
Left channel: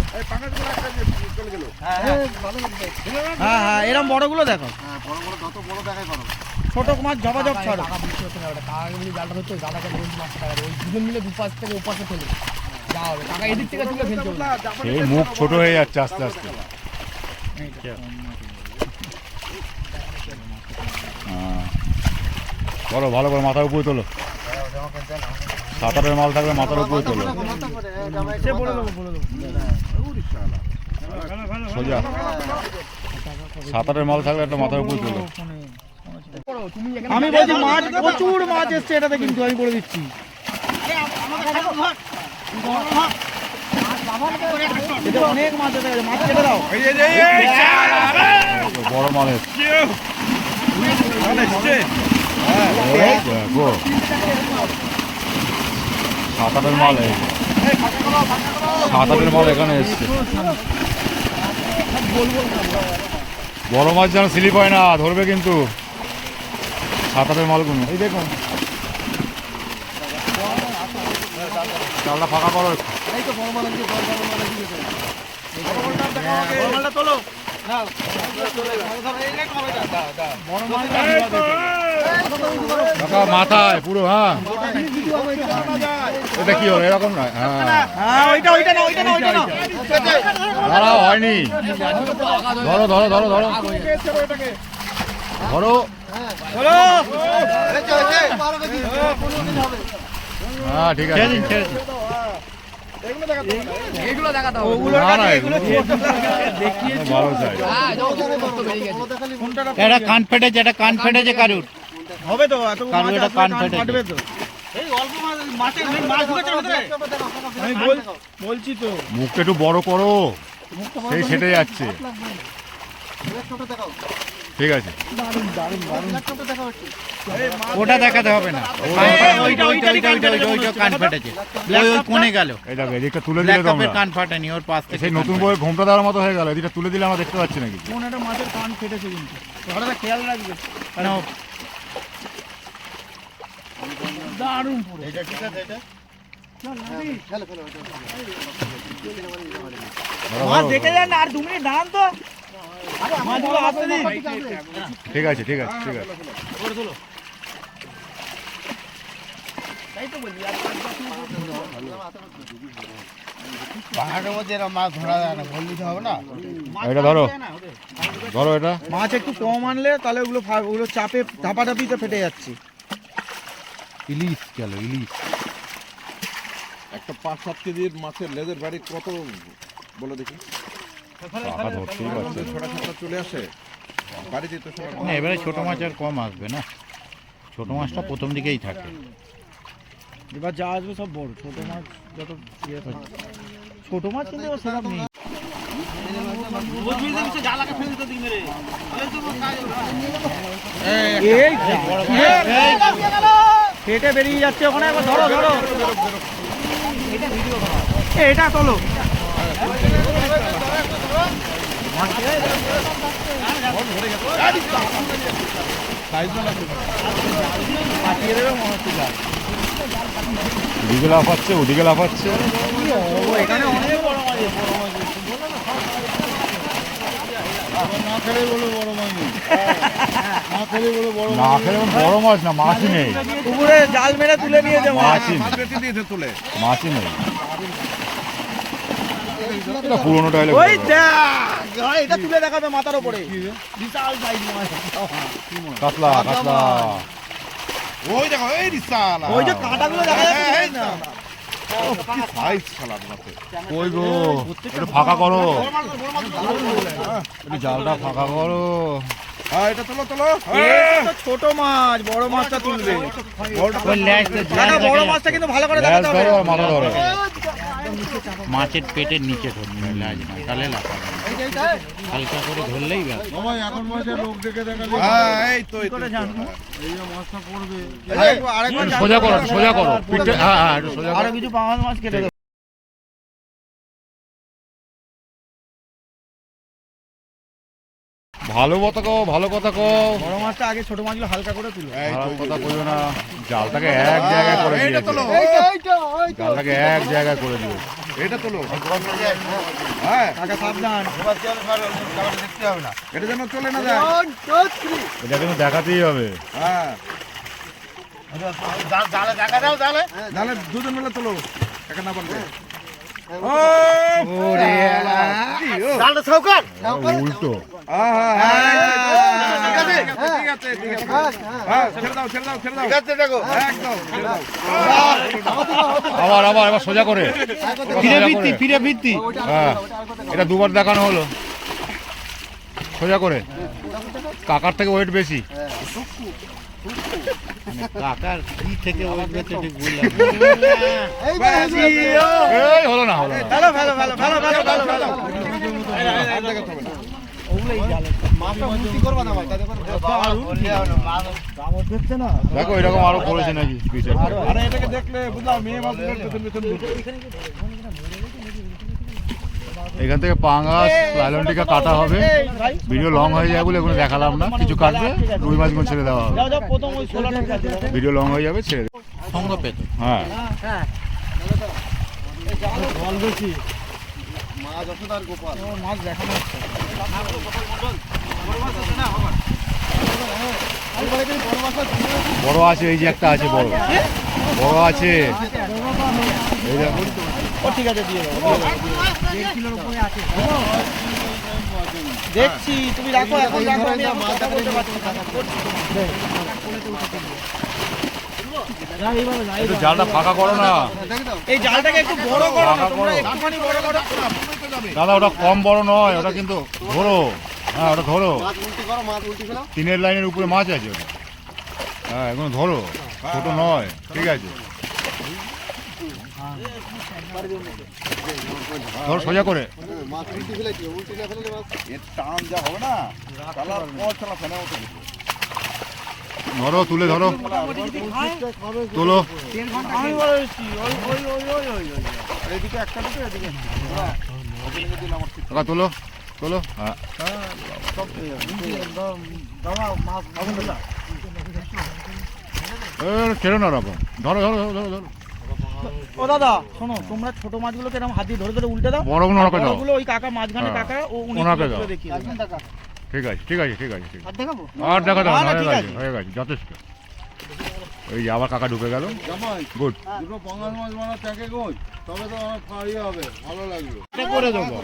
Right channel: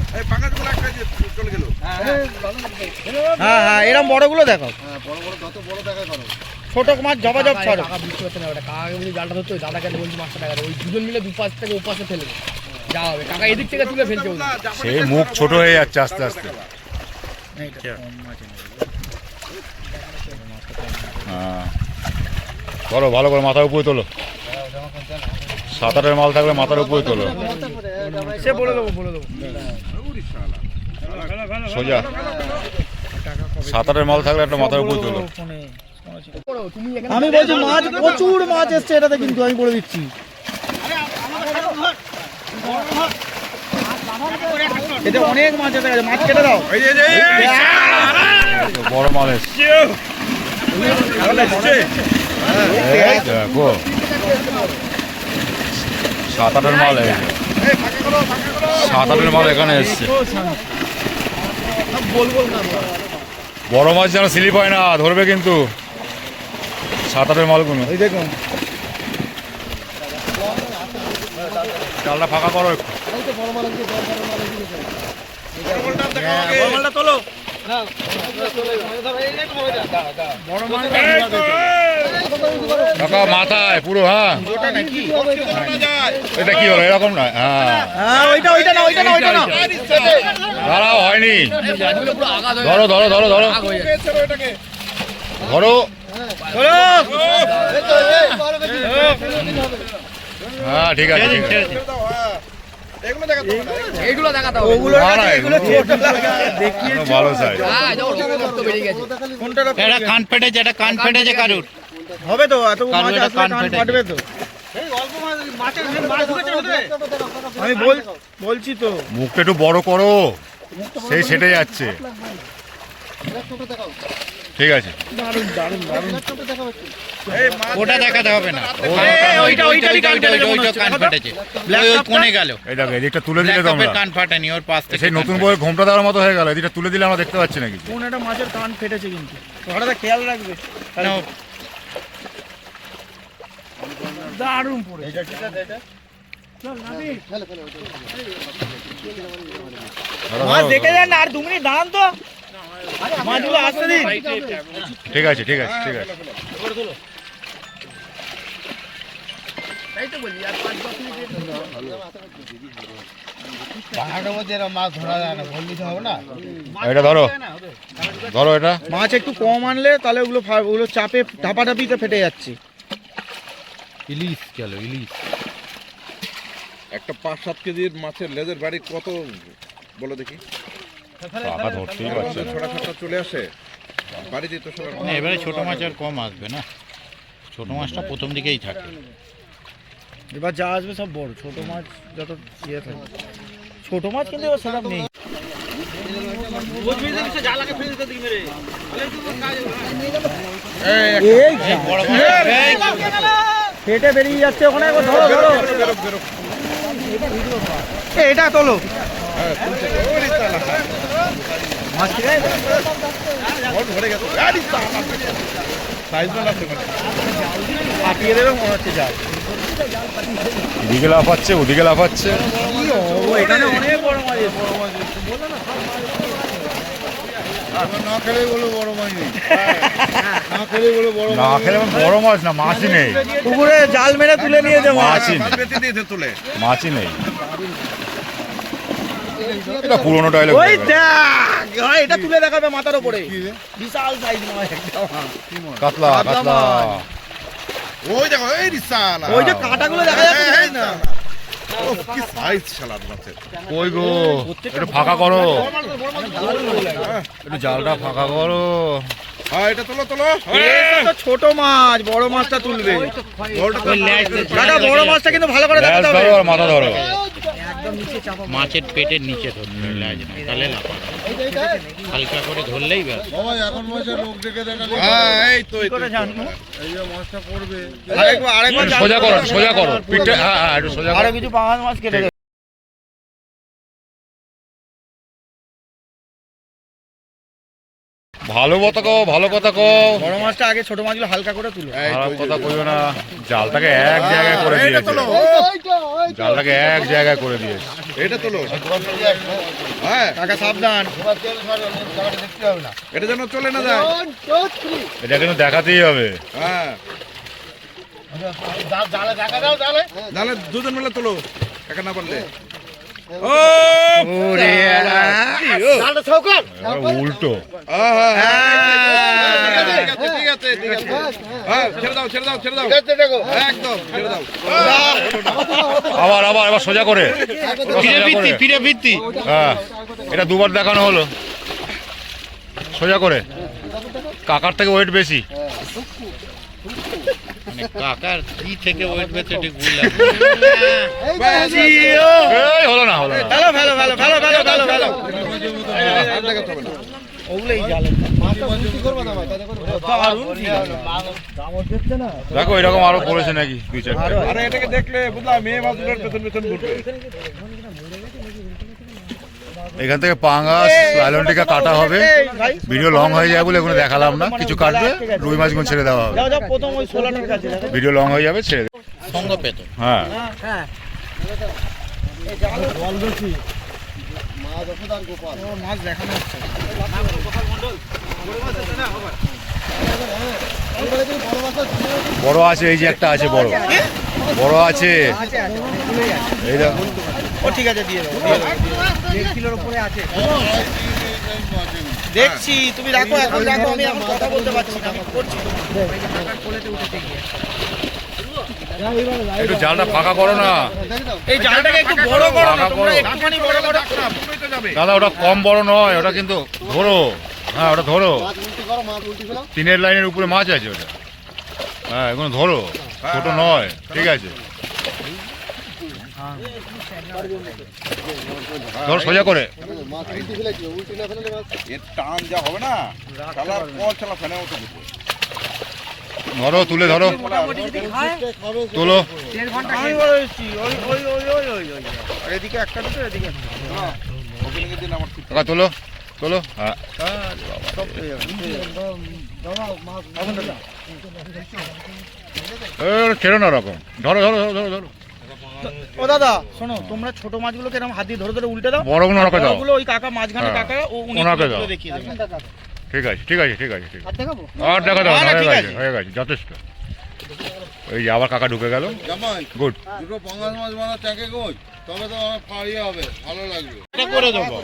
হ্যাঁ হ্যাঁ এরকম বড়গুলো দেখাও, বড় বড় যত বড় দেখায় করো। ছোট মাছ ঝপাঝপ করো। কাকা বুঝতে পারছে না, ওটা কাকাকে বলি জালটা ধরতো, দাদাকে বলছি মাছটা টাকা ওই দুজন মিলে দুপাশ থেকে ওপাশে ফেলে যা হবে, কাকা এদিক থেকে তুলে ফেলছে ওগুলো। সেই মুখ ছোট হয়ে যাচ্ছে আস্তে আস্তে। হ্যাঁ ধরো ভালো করে মাথার উপরে তোলো, 7-8 মাল থাকলে মাথার উপরে তোলো, সে বলে দেবো, বলে দেবো। সোজা 7-8 মাল থাকলে একটা মাথার উপরে তোলো। তুমি এখানে আমি বলছি মাছ প্রচুর মাছ এসছে এটাতে, কিন্তু আমি বলে দিচ্ছি এটা অনেক মাছ এসে গেছে, মাছ কেটে দাও। বড় মাল এসছে, এই দেখো 7-8 মাল, 7-8 মাল এখানে এসছে। বড় মাছ যেন স্লিপ হয় না, ধরবে কিন্তু 7-8 মালগুলো। এই দেখুন চালটা ফাঁকা করো একটু। কাকা মাথায় পুরো, হ্যাঁ এটা কি হলো এরকম না? হ্যাঁ দাঁড়াও, হয়নি, ধরো ধরো ধরো ধরো ধরো, হ্যাঁ ঠিক আছে ঠিক আছে। এইগুলো দেখাতে হবে। ওগুলো না, না, এগুলো দেখিয়ে ভালো সাইজ। হ্যাঁ, যাও, গর্ত বেরিয়ে গেছে। এটা কান ফেটেছে, এটা কান ফেটেছে কারুর। হবে তো এত কারণ মাছ এটা আসলে কান কান ফেটে ফাটবে তো এই অল্প মাছের মাছ ঢুকেছে ভিতরে। আমি বলছি তো মুখটা একটু বড় করো, সেই সেটাই যাচ্ছে। ঠিক আছে, দারুণ দারুণ দারুণ ওটা দেখাতে হবে না। ওইটা কান ফেটেছে, ওই কোণে গেল। এই দেখো এদিকটা তুলে দিলে ব্ল্যাক তোমরা, কাপের কান ফাটেনি, ওর পাশ থেকে সেই নতুন বইয়ের ঘোমটা দেওয়ার মতো হয়ে গেল। এদিকটা তুলে দিলে আমরা দেখতে পাচ্ছি না কিছু। কোন একটা মাছের কান ফেটেছে কিন্তু ওটা খেয়াল রাখবে। না, দারুণ পড়েছে। মাছ দেখে যান না, আর 2 মিনিট দাঁড়ান তো। মাছগুলো আসতে দিন। ঠিক আছে, ঠিক আছে, ঠিক আছে। তাই তো বলি, আর 5-10 মিনিট পাহাড়ের মধ্যে এরকম মাছ ধরা যায় না, বললি তো হবে না। এটা ধরো, ধরো এটা। মাছ একটু কম আনলে তাহলে ওগুলো চাপে ধাপাধাপিতে ফেটে যাচ্ছে। ইলিশ গেল, ইলিশ। একটা 5-7 কেজির মাছের লেজের বাড়ি কত বলো দেখি? টাকা ধরতেই পারছে না। ছোটা ছোটা চলে আসে বাড়িতে তো সবার না, এবারে ছোট মাছ আর কম আসবে না, ছোট মাছটা প্রথম দিকেই থাকে। এবার যা আসবে সব বড়, ছোট মাছ যত ইয়ে থাকে। ছোট মাছ কিন্তু এবার সেরকম নেই। এই বড় মাছ, ফেটে বেরিয়ে যাচ্ছে ওখানে। একবার ধরো, ধরো। এটা তোলো। কাটিয়ে দেবে মনে হচ্ছে জাল। এদিকে লাফাচ্ছে, ওদিকে লাফাচ্ছে। এখানে অনেক বড় মাছ আছে। না খেলে বলো বড় মাছ নেই। না খেলে বলো বড় না খেলে আমার বড় মাছ না, মাছই নেই। পুকুরে জাল মেরে তুলে নিয়ে যাবো। মাছই নেই, বেঁচে দিয়েছে তুলে। মাছই নেই। এটা পুরোনো ডায়লগ। ওই দেখ, ভাই, এটা তুলে দেখাবে মাথার উপরে। বিশাল সাইজ মাছ। কাতলা, কাতলা। ওই দেখো এই রিসালা। ওই যে কাঁটাগুলো দেখা যাচ্ছে না। কি সাইজ শালা মাছের। কই গো, একটু ফাঁকা করো, একটু জালটা ফাঁকা করো। হ্যাঁ এটা তোলো তোলো। এটা তো ছোট মাছ, বড় মাছটা তুলবে। ওই ল্যাজটা দাদা, বড় মাছটা কিন্তু ভালো করে ল্যাজ দেখাতে ধরো হবে। আর মাথা ধরো। মাছের পেটের নিচে ধরতে হবে, লাজ না, তাহলে লাফাবে। হালকা করে ধরলেই ব্যাস। সবাই এখন বসে লোক দেখে দেখা যায়। হ্যাঁ এই তো এই তো। এই যে মাছটা পড়বে। আরেকবার একটু সোজা করো, একটু সোজা করো পিঠে। হ্যাঁ হ্যাঁ, একটু সোজা করো। আরো কিছু পাঙাশ মাছ কেটে দেবে। ভালো কথা কও, ভালো কথা কও। বড় মাছটা আগে ছোট মাছগুলো হালকা করে তুলবে। খারাপ কথা কইও না। জালটাকে এক জায়গায় করে এইটা দিয়েছে, তোলো। জালটাকে এক জায়গায় করে দিয়েছে। এটা তোলো। হ্যাঁ কাকা সাবধান। দেখতে হবে না। এটা যেন চলে না যায়। এটা কিন্তু দেখাতেই হবে। হ্যাঁ জালে দেখা দাও জালে। তাহলে দুজন মিলে তোলো একা না পারলে। ওরে জালটা সৌকার। এবার উল্টো। ঠিক আছে ঠিক আছে। হ্যাঁ ছেড়ে দাও ছেড়ে দাও ছেড়ে দাও। দেখো। একদম ছেড়ে দাও। আবার আবার এবার সোজা করে, এবার ফিরে সোজা ভিত্তি, করে। ফিরে ভিত্তি। হ্যাঁ, এটা দুবার দেখানো হলো। সোজা করে। কাকার থেকে ওয়েট বেশি। মানে কাকার কি থেকে ওয়েট বেঁচে ঠিক বুঝলাম না। এই হলো না, হলো না। ভালো ভালো ভালো ভালো ভালো ভালো ভালো। আর দেখাতে হবে না। ওগুলোই জালে। মাছটা উল্টি করবা না ভাই, তাতে করে দামত দেখছে না। দেখো এরকম আরো করেছে নাকি 2-4টা। আরে এটাকে দেখলে বুঝলাম মেয়ে মাছগুলোর পেছন পেছন ঘুরবে। এখান থেকে পাঙ্গাস লাইলনটিকা কাটা হবে। ভিডিও লং হয়ে যায় বলে এগুলো দেখালাম না। কিছু কাটবে, রুই মাছগুলো ছেড়ে দেওয়া হবে। যাও যাও, প্রথম ওই 16 ঠিক আছে। ভিডিও লং হয়ে যাবে, ছেড়ে দেবে। সঙ্গে পেত। হ্যাঁ, জল বেশি। মাছ ওষুধ আর গোপাল। ও মাছ দেখানো হচ্ছে। এবারে কি বড় মাছ আছে? বড় আছে, এই যে একটা আছে বড়, বড় আছে। এই দেখো, ও ঠিক আছে, দিয়ে দাও। 1 কিলোর উপরে আছে। দেখছি, তুমি রাখো, এখন রাখো, আমি এখন কথা বলতে পারছি না। করছি। একটু জালটা ফাঁকা করো না এই জালটাকে একটু বড় করো না ফাঁকা তোমরা, করো। একটুখানি বড় করো। দাদা ওটা কম বড় নয়, ওটা কিন্তু ধরো, হ্যাঁ ওটা ধরো, 3 লাইনের উপরে মাছ আছে ওটা, হ্যাঁ এগুলো ধরো, ছোট নয়, ঠিক আছে, ধরো সোজা করে, এর টান যা হবে না চালা পর চালা ফেলে মতো কিছু। ধরো তুলে ধরো, তোলো, আমি বলেছি, আর এদিকে একটা দুটো, এদিকে একটা। ওপেনিংয়ের দিন আমার ঠিক কাকা তোলো, তোলো, হ্যাঁ সব পেয়ে যাবে। ছেড়ো না ওরকম, ধরো ধরো ধরো ধরো ধরো, ও দাদা শোনো, তোমরা ছোট মাছগুলোকে এরকম হাত দিয়ে ধরে ধরে উল্টে দাও, বড়গুলো ওনাকে দাও, বড়গুলো ওই কাকা মাঝখানে হ্যাঁ, কাকা ও উনি ওনাকে তুলে দাও। দেখিয়ে দেবেন। ঠিক আছে ঠিক আছে ঠিক আছে ঠিক আছে, আর দেখা দাও, না, না, হয়ে ঠিক গেছে আছে। হয়ে গেছে যথেষ্ট। ওই যে আবার কাকা ঢুকে গেল, জামাই গুড, দুটো পাঙ্গাস মাছ বানা ট্যাঙ্কে গোজ, তবে তো আমার ফাড়িয়ে হবে, ভালো লাগবে। এটা করে দেবো।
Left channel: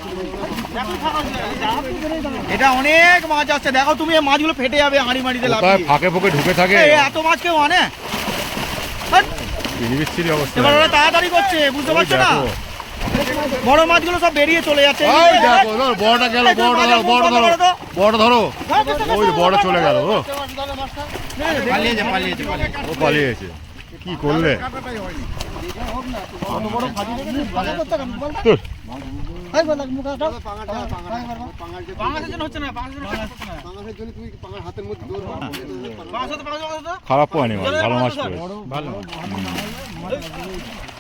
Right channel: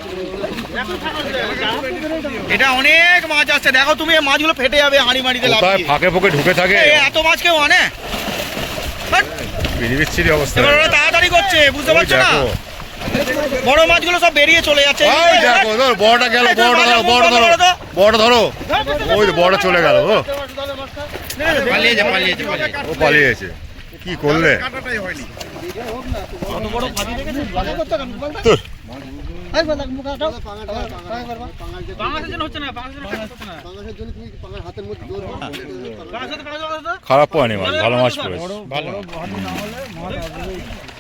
এটা অনেক মাছ আছে, দেখো তুমি এই মাছগুলো ফেটে যাবে হাঁড়ি মাড়িতে কোথায় লাগিয়ে। ফাঁকে ফুঁকে ঢুকে থাকে, এই এত মাছ কেউ আনে? হাট, বিচ্ছিরি অবস্থা, এবার ওরা তাড়াতাড়ি করছে, বুঝতে ওই পারছো না? দেখো, বড় মাছগুলো সব বেরিয়ে চলে যাচ্ছে। ওই দেখো ধর বড়টা গেল, বড়টা ধরো, বড়টা ধরো, বড়টা ধরো, ওই তো বড়টা চলে গেল, ও পালিয়েছে পালিয়েছে পালিয়েছে। ও পালিয়েছে, কি করলে কত বড় ফাঁদি দেখেছেন? তোর পাঙাশের জন্য হচ্ছে না, পাঙাশের জন্য হচ্ছে না। খারাপ পায়নি মাছ, ভালো মাছ পড়েছে, ভালো।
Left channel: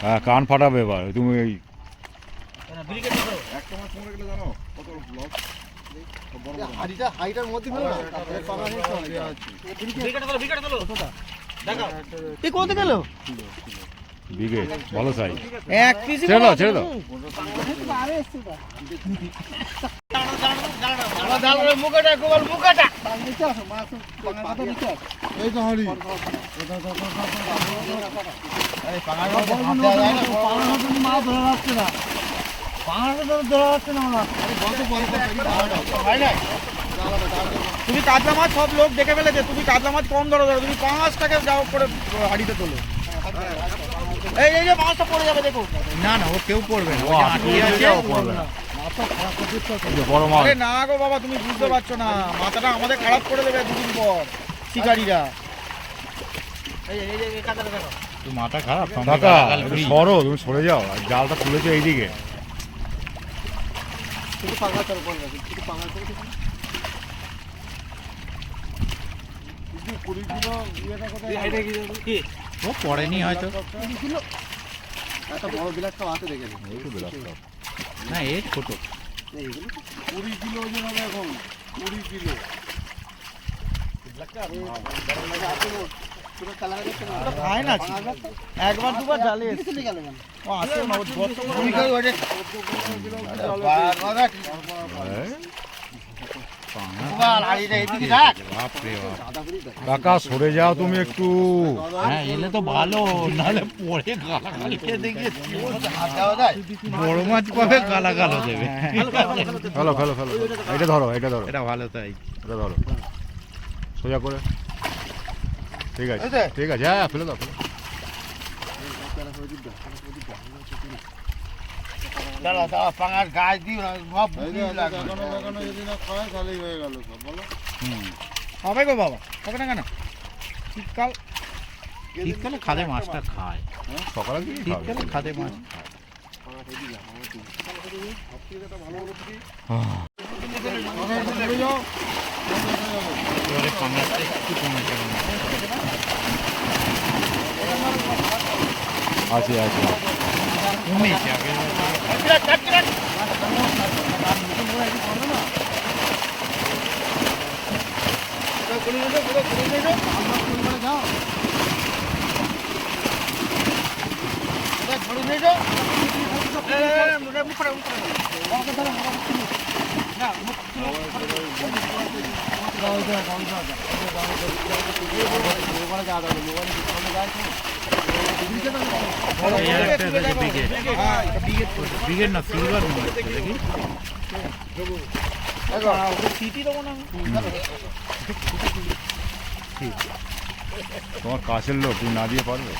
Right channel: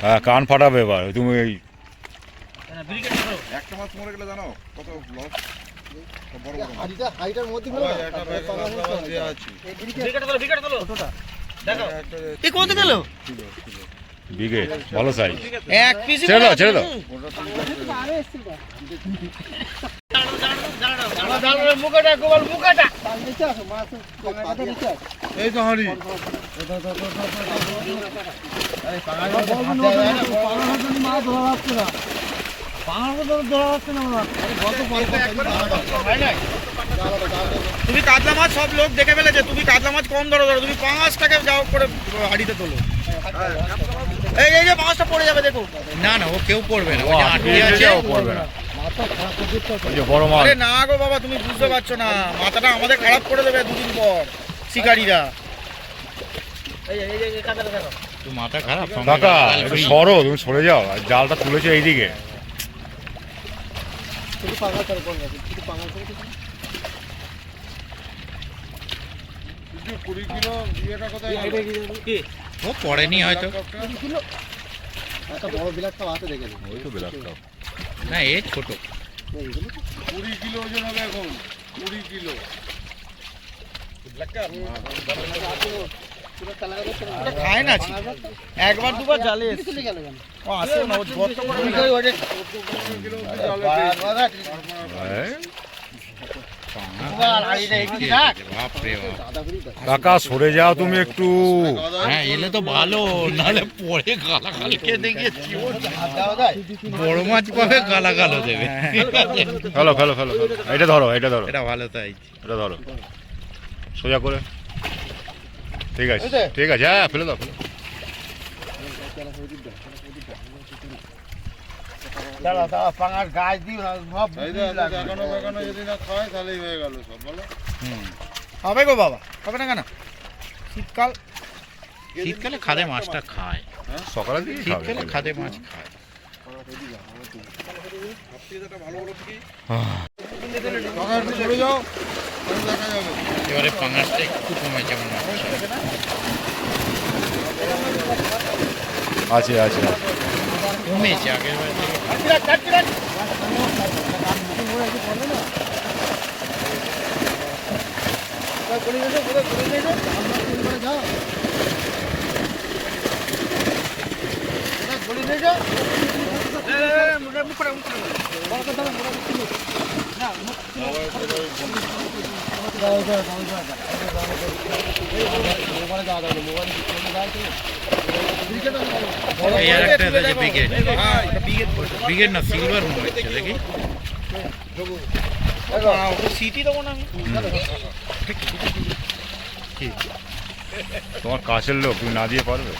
হ্যাঁ কান ফাটাবে এবার তুমি, এই একটা মাছ মরে গেলে জানো কত লস। এ কত গেল? বিঘে ভালো সাইজ, এক পিস ছেড়ে দাও ছেড়ে দাও, এই তো হাঁড়ি তুমি কাতলা মাছ সব লোক দেখে ফেলেছে, তুমি কাতলা মাছ কম ধরো, তুমি 5 টাকা যাও করে হাড়িতে তোলো। এই এই যে মাছটা পড়ে যাবে দেখো। না না ও কেউ পড়বে না, ও আটকে যাও পড়বে না, ওই যে বড় মাছ, আরে না গো বাবা, তুমি বুঝতে পারছো না, মাথাটা আমাদের খারাপ করে দেবে দুদিন পর শিকারীরা। তুই মাথা খারাপ। কাকা একটু সরো, তুমি সরে যাও, আর জালটা তুলেছো এইদিকে, কিছু 20 কিলো ইয়েটা কোথায় ও পড়েনি হয়তো। ওই তো বেলার কাপ। না এ ছোট। 20 কিলো ওজন হবে এখন, 20 কিলো। ওটা খায় না ছি। একবার দুবার জালে এসছে। ও আসে না, ও গর্ত করে নিয়ে- এই, বাপরে বাপ। কাকা সরে যাও তুমি একটু, হ্যাঁ এলে তো ভালো, নাহলে পরে গালাগালি খেতে গেছি। বড় মাছ পাবে গালাগালো দেবে। ফেলো ফেলো ফেলো ফেলো। এটা ধরো এটা ধরো, এটা ভালো তাই। এটা ধরো সোজা করে, ঠিক আছে ঠিক আছে, হ্যাঁ ফেলে দাও, ফেলে দাও। এই যে এখনো যদি না খায় তাহলেই হয়ে গেল সব, বলো। হবে গো বাবা, হবে না কেন? শীতকাল শীতকালে খাদে মাছটা খায়, সকালের দিকে খাবে। শীতকালে খাদে মাছ খায়। চলে যাও, দেখা যাবে। এবারে পাঙাশটা একটু কমেছে মনে হয়। আছে আছে আছে। কমেছে আগের বার থেকে। এই আর একটা আছে ব্রিগেড। হ্যাঁ, ওটা বিঘে ব্রিগেড না সিলভার মনে হচ্ছে দেখি। সিটি দেবো না আমি। তোমার কাছের লোক, তুমি না দিয়ে পারবে?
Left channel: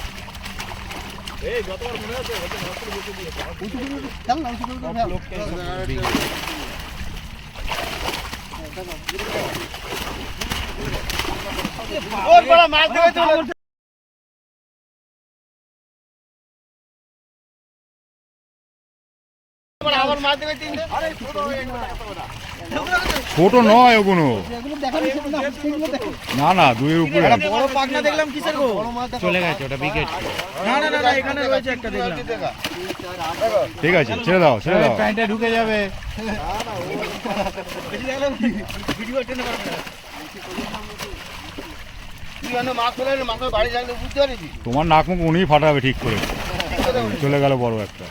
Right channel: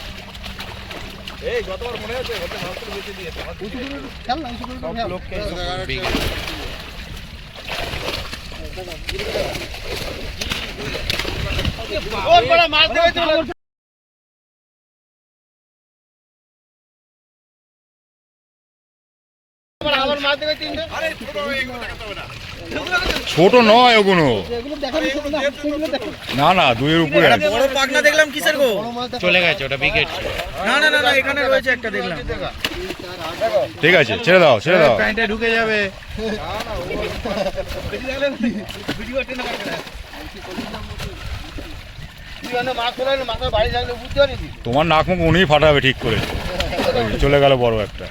ছোট নয় ওগুলো, না না 2-এর উপরে আছে। বড় পাখনা দেখলাম কিসের গো? চলে গেছে ওটা বিকেট। না না না না, এখানে রয়েছে একটা দেখলাম। ঠিক আছে, ছেড়ে দাও ছেড়ে দাও। প্যান্টে ঢুকে যাবে। তোমার নাক মুখ উনিই ফাটাবে ঠিক করে। চলে গেল বড় একটা।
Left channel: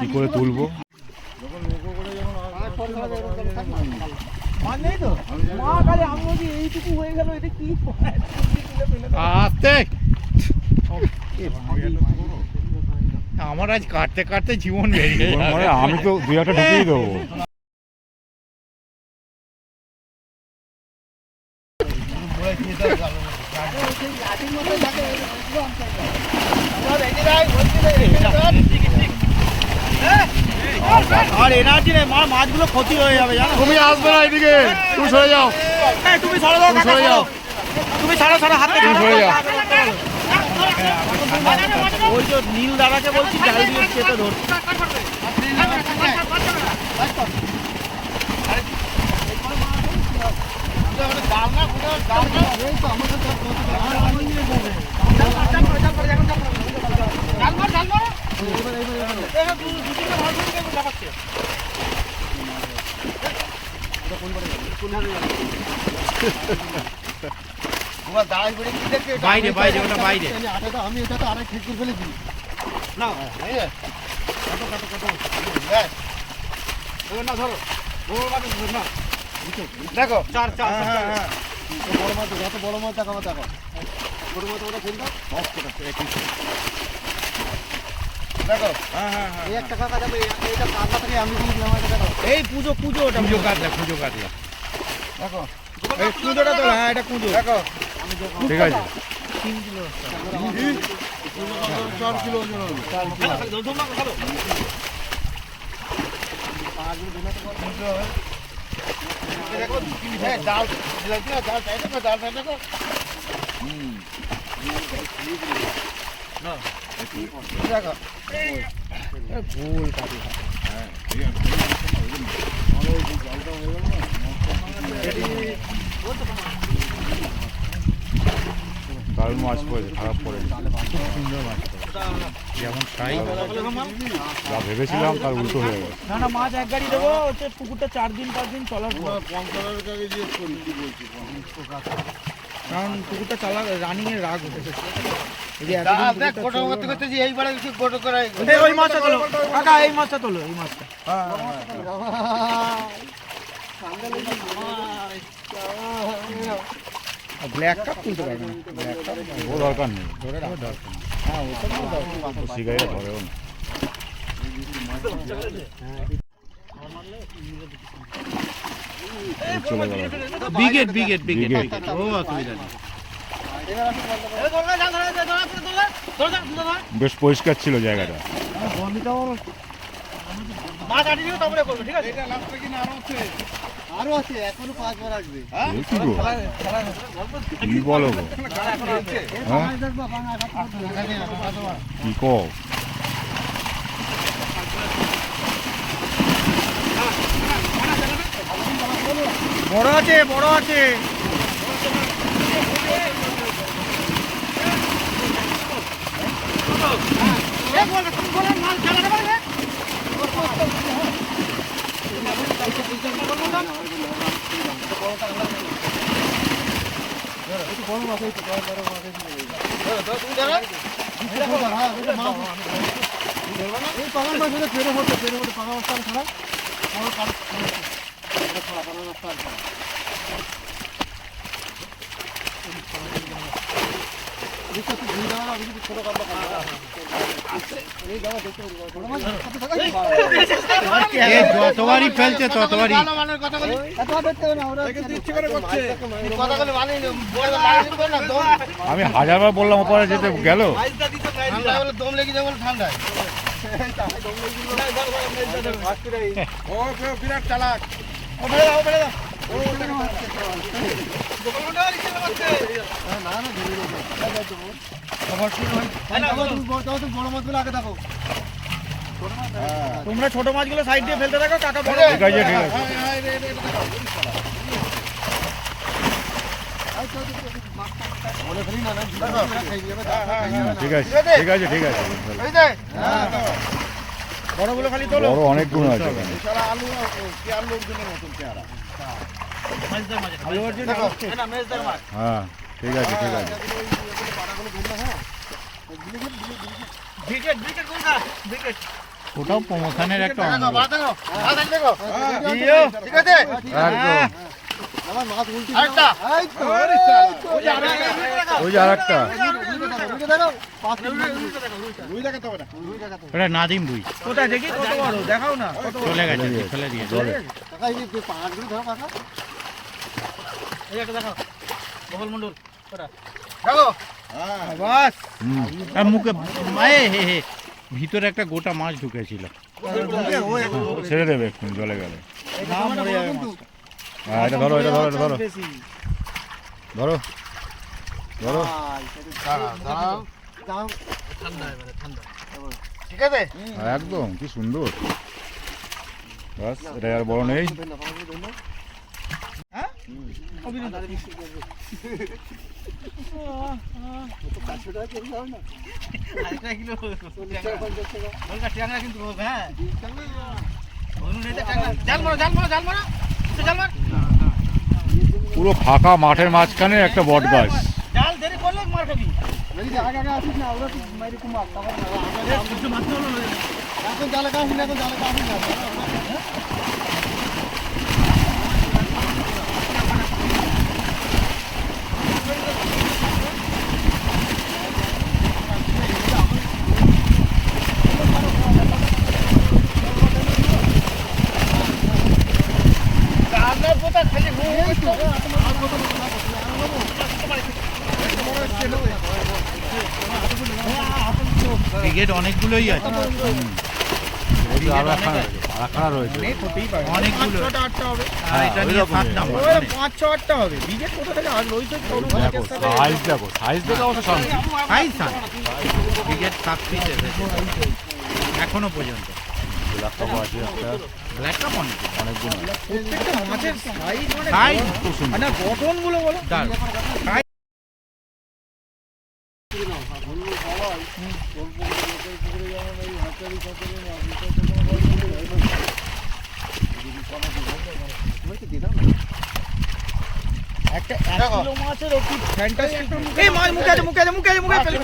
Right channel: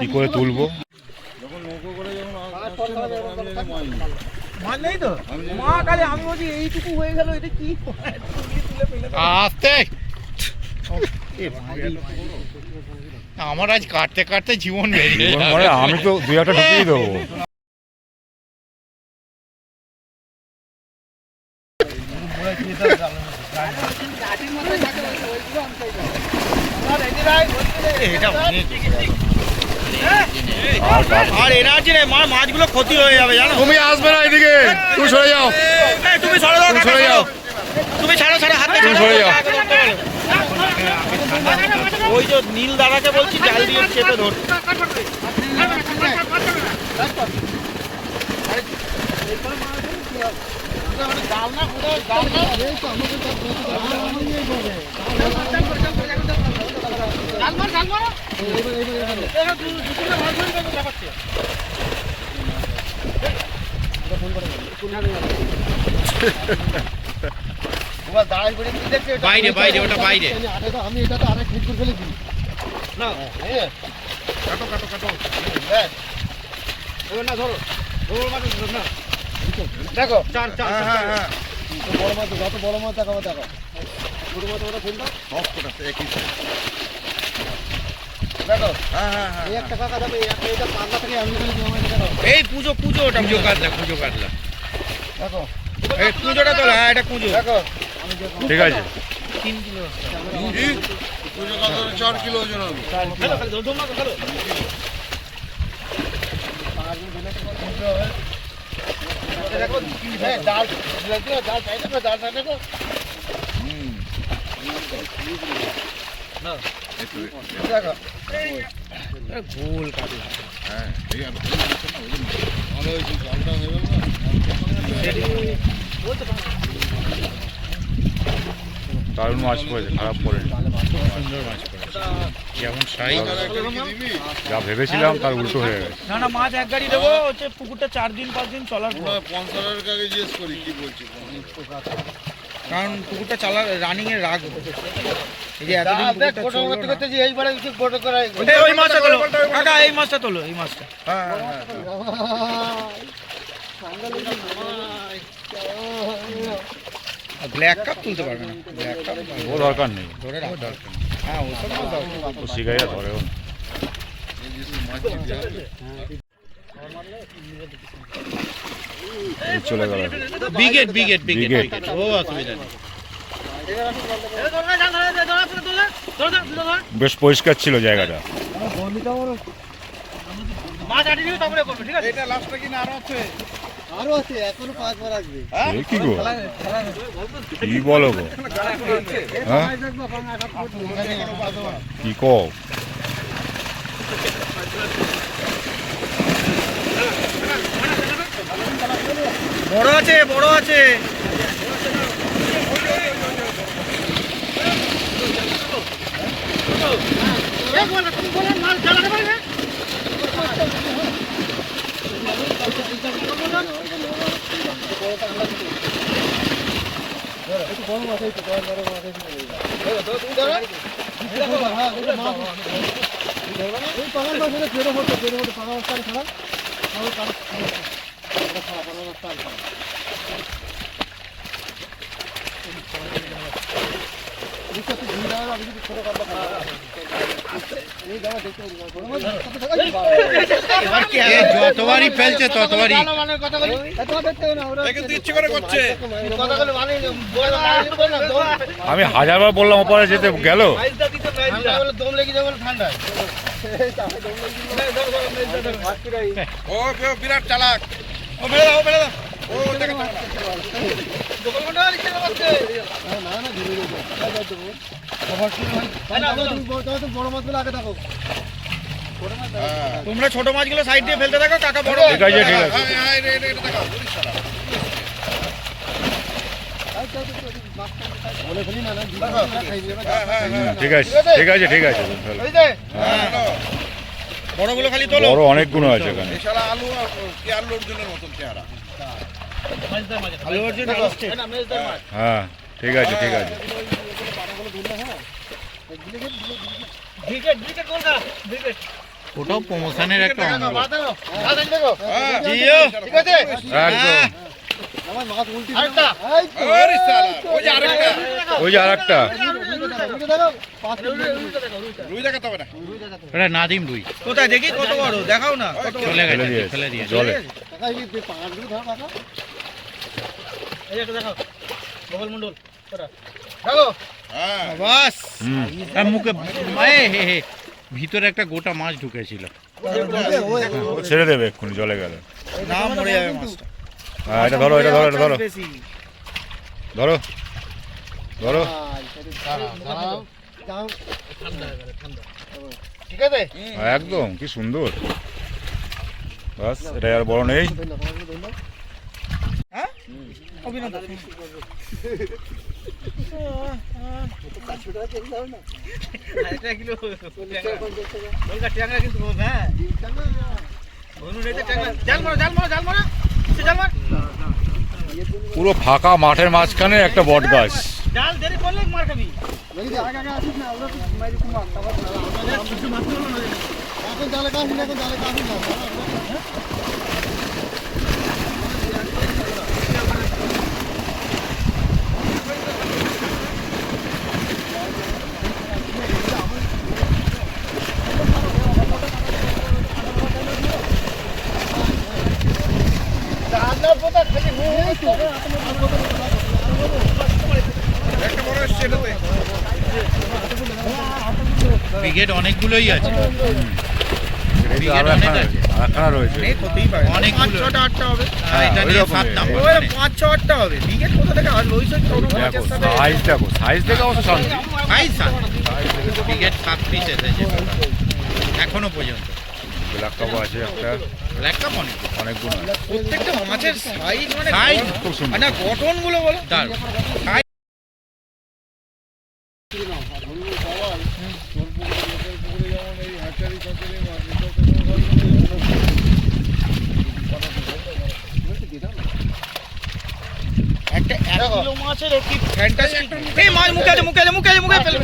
কি করে তুলবো? যখন নৌকো করে যখন আসছে না, তখন আমি জানি মাছ নেই। মাছ নেই তো? মা কালে আমি বলছি এইটুকু হয়ে গেল, এটা কি? আস্তে। আমার আজ কাটতে কাটতে জীবন বেরিয়ে মানে আমি তো 2-1টা ঢুকিয়ে দেবো। আর এনার্জি নেই, মাছগুলো ক্ষতি হয়ে যাবে জানো। তুমি আসবে না এদিকে, তুমি সরে যাও, তুমি সরে দাও, তুমি সরে যাও, তুমি ছাড়ো ছাড়ো, হাতে তুমি সরে যাও। ওই যে নীল দাঁড়াতে বলছি, জাল দিয়ে চেপে ধর। বাইরে বাইরে ওটা বাইরে। আমি এটা তো আরেক ঠিক করে ফেলে দিই না। কাটো কাটো কাটো। না ধরো, না দেখো চার চার। হ্যাঁ হ্যাঁ, বড় মাছ, যত বড় মাছ দেখাবো দেখো। ছোট মাছ ওটা ফোনটা অফ করে আছে একই দেখো। হ্যাঁ হ্যাঁ হ্যাঁ, এই একটা কাকা যাবে, এইটা পাল্লা থেকে আমি বলি দিলাম, এটা দেখো। এই পুজো পুজো, ওটা খুঁজো কাটলা খুঁজো কাটলা। দেখো এই পুজোটা তো, হ্যাঁ এটা পুজো। দেখো ঠিক আছে, 3 কিলো। 4 কিলো ওজন হবে। দেখো হ্যাঁ, জাল দেখো, জাল সাইডে দেখো, জাল সাইডে দেখো। না দেখো গোল কাটলা। হ্যাঁ, ঠিক আছে। ভালো হয়েছে, জালটা হয়ে গেল না। দারুণ মাছ পড়েছে, খারাপ পড়েনি। যেমন সাইজ যা ভেবেছিলাম তার উল্টো হয়ে গেছে। না না, মাছ এক গাড়ি দেবো, হচ্ছে পুকুরটা 4 দিন 5 দিন চলার পর। পঞ্চালের কাছে জিজ্ঞেস করি কি বলছি। কারণ পুকুরটা চালার রানিং এর রাগ হতে। এই যে এতদিন পুকুরটা চললো না। এই ওই মাছটা তোলো কাকা, এই মাছটা তোলো, এই মাছটা। ব্ল্যাক কাপ তুলতে পারবে না, ব্ল্যাক কাপ ও দরকার নেই, ধরে রাখো দরকার। হ্যাঁ ওসব মাছ দরকার। ও শিকারিরা ধরেও না। এই চলে গেল। বিগেট বিগেট বিগেট Biget. বিগেট। ও অসুবিধা নেই। বেশ পরিষ্কার ছিল জায়গাটা। আরো আছে, এখনো 5 বার আসবে। এ কি গো, কি বলো গো, হ্যাঁ কি কও? বড় আছে, বড় আছে। এই পাঙাল মাছ হলে পেরে হতো, পাঙাল মাছ ছাড়া ছোট কাপড় যতবারই ফেলছে ততবারই আমি হাজারবার বললাম ওপারে যেতে গেল। দম লেগে যাবে ঠান্ডায়। ও বিরাট চালাক। না না ধীরে ধীরে বড় মাছগুলো আগে থাকো। তোমরা ছোট মাছগুলো সাইড দিয়ে ফেলতে থাকো, কাকা বড় ঠিক আছে ঠিক আছে বলে ফেলি না না খাই যাবে। ঠিক আছে ঠিক আছে ঠিক আছে বড়গুলো খালি তোলো। বড় অনেকগুলো আছে এখানে। এছাড়া আলু কেয়ার লোকজনের মতন চেহারা। আলু অর্জুন আসছে। হ্যাঁ ঠিক আছে ঠিক আছে। ওটাও প্রমোশনের একটা অঙ্গ। ঠিক আছে একদম। আমার মাছ উল্টি ওরে শালা, ওই যে আরেকটা। ওই যে আরেকটা। রুই দেখাতে হবে না। এটা নাদিম রুই কোথায় দেখি কত বড়, দেখাও না কত বড়। চলে ফেলে গেছে দিয়েছে ফেলে দিয়ে জলে। কাকা এই যে পাঁচগুলো ধরো কাকা। দেখো হ্যাঁ বাস হুম আর মুখে ভিতরে একটা গোটা মাছ ঢুকেছিল। ও ছেড়ে দেবে এক্ষুনি জলে গেলে। না মরে যাবে মাছটা। হ্যাঁ এটা ধরো এটা ধরো এটা ধরো বেশি। ধরো ধরো। দাঁড়াও ঠিক আছে একদম কি সুন্দর। বাস এটা আর বড় নেই। পুরো ফাঁকা মাঠের মাঝখানে একটা বট গাছ। এখন জালে কাশি না এখন জালে কাশি না ব্রিগেড অনেকগুলোই আছে। এই তো আরেকখানা রয়েছে। অনেক হতেই পারে, অনেকগুলো। 5, 6টা 8টা হবে। আর এটা ওই নিয়ে রকমই। 7 নাম্বার। ওই 5, 6, 8টা হবে। বিকেট কোথা থেকে আর ওই সব কোনো দেখো মাছের সাথে সাইজ দেখো সাইজ দেখে অবশ্য শান্তি। ব্রিগেড 7 পিস এসেছে এখনো পর্যন্ত। ব্ল্যাক কাপ আছে একটা। ব্ল্যাক কাপ অনেকগুলো আছে। প্রত্যেকটা মাছের সাইজ মানে Size খুব সুন্দর। না গঠনগুলো বলো। একটা 1 কিলো মাছের কি ফ্যান্টাস্টিক। এই মাছ মুখে আছে মুখে আছে মুখে আছে মুখে ফেলে।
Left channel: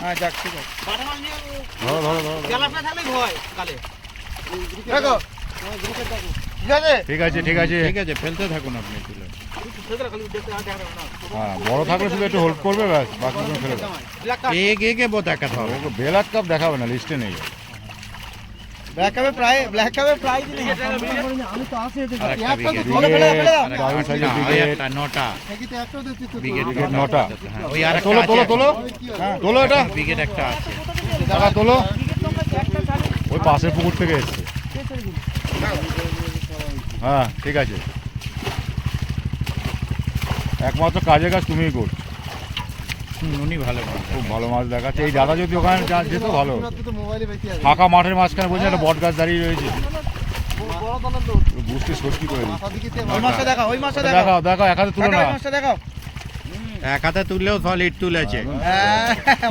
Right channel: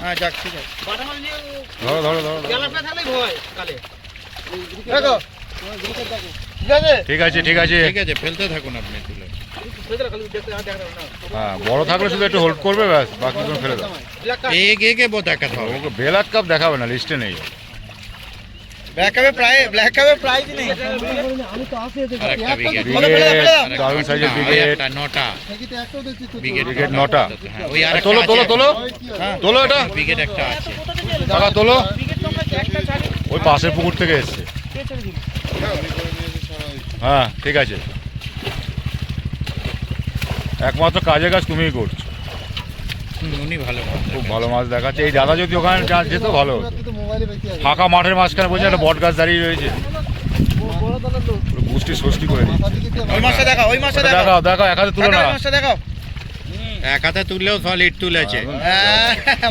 হ্যাঁ যাক ঠিক আছে। ধরো ধরো ধরো ধরো। দেখো ঠিক আছে ঠিক আছে ঠিক আছে। ঠিক আছে ফেলতে থাকুন আপনি তুলে। হ্যাঁ বড় থাকলে শুধু একটু হোল্ড করবে ব্যাস, বাকি কোনো ফেলে দাও। এগে দেখাতে হবে। ওকে ব্ল্যাক কাপ দেখাবে না, লিস্টে নেই। ব্ল্যাক কাপে প্রাইস নেই। আমি তো আসে আরেকটা ব্রিগেড। ব্রিগেড দারুণ সাইজের ব্রিগেড। নটা তো একটাও দেখছি তো ব্রিগেড ব্রিগেড 9টা। হ্যাঁ, ওই আরেকটা তোলো তোলো আছে। তোলো তোলো এটা ব্রিগেড একটা আছে। টাকা তোলো। ওই পাশের পুকুর থেকে এসছে। হ্যাঁ ঠিক আছে। একমাত্র কাজের কাজ তুমিই করছো। উনি ভালো মাছ খুব ভালো মাছ দেখাচ্ছে। এই দাদা যদি ওখানে যেত ভালো হতো। তো মোবাইলে বেশি আছে ফাঁকা মাঠের মাঝখানে বলছে একটা বট গাছ দাঁড়িয়ে রয়েছে। পুরো গুষ্টি সষ্টি করে দিচ্ছে। মাথা দিকে ওই মাছটা দেখাও, ওই মাছটা দেখাও। দেখাও দেখাও এক হাতে তুলো না। ওই মাছটা দেখাও। এক হাতে তুললেও সলিড তুলেছে। হ্যাঁ,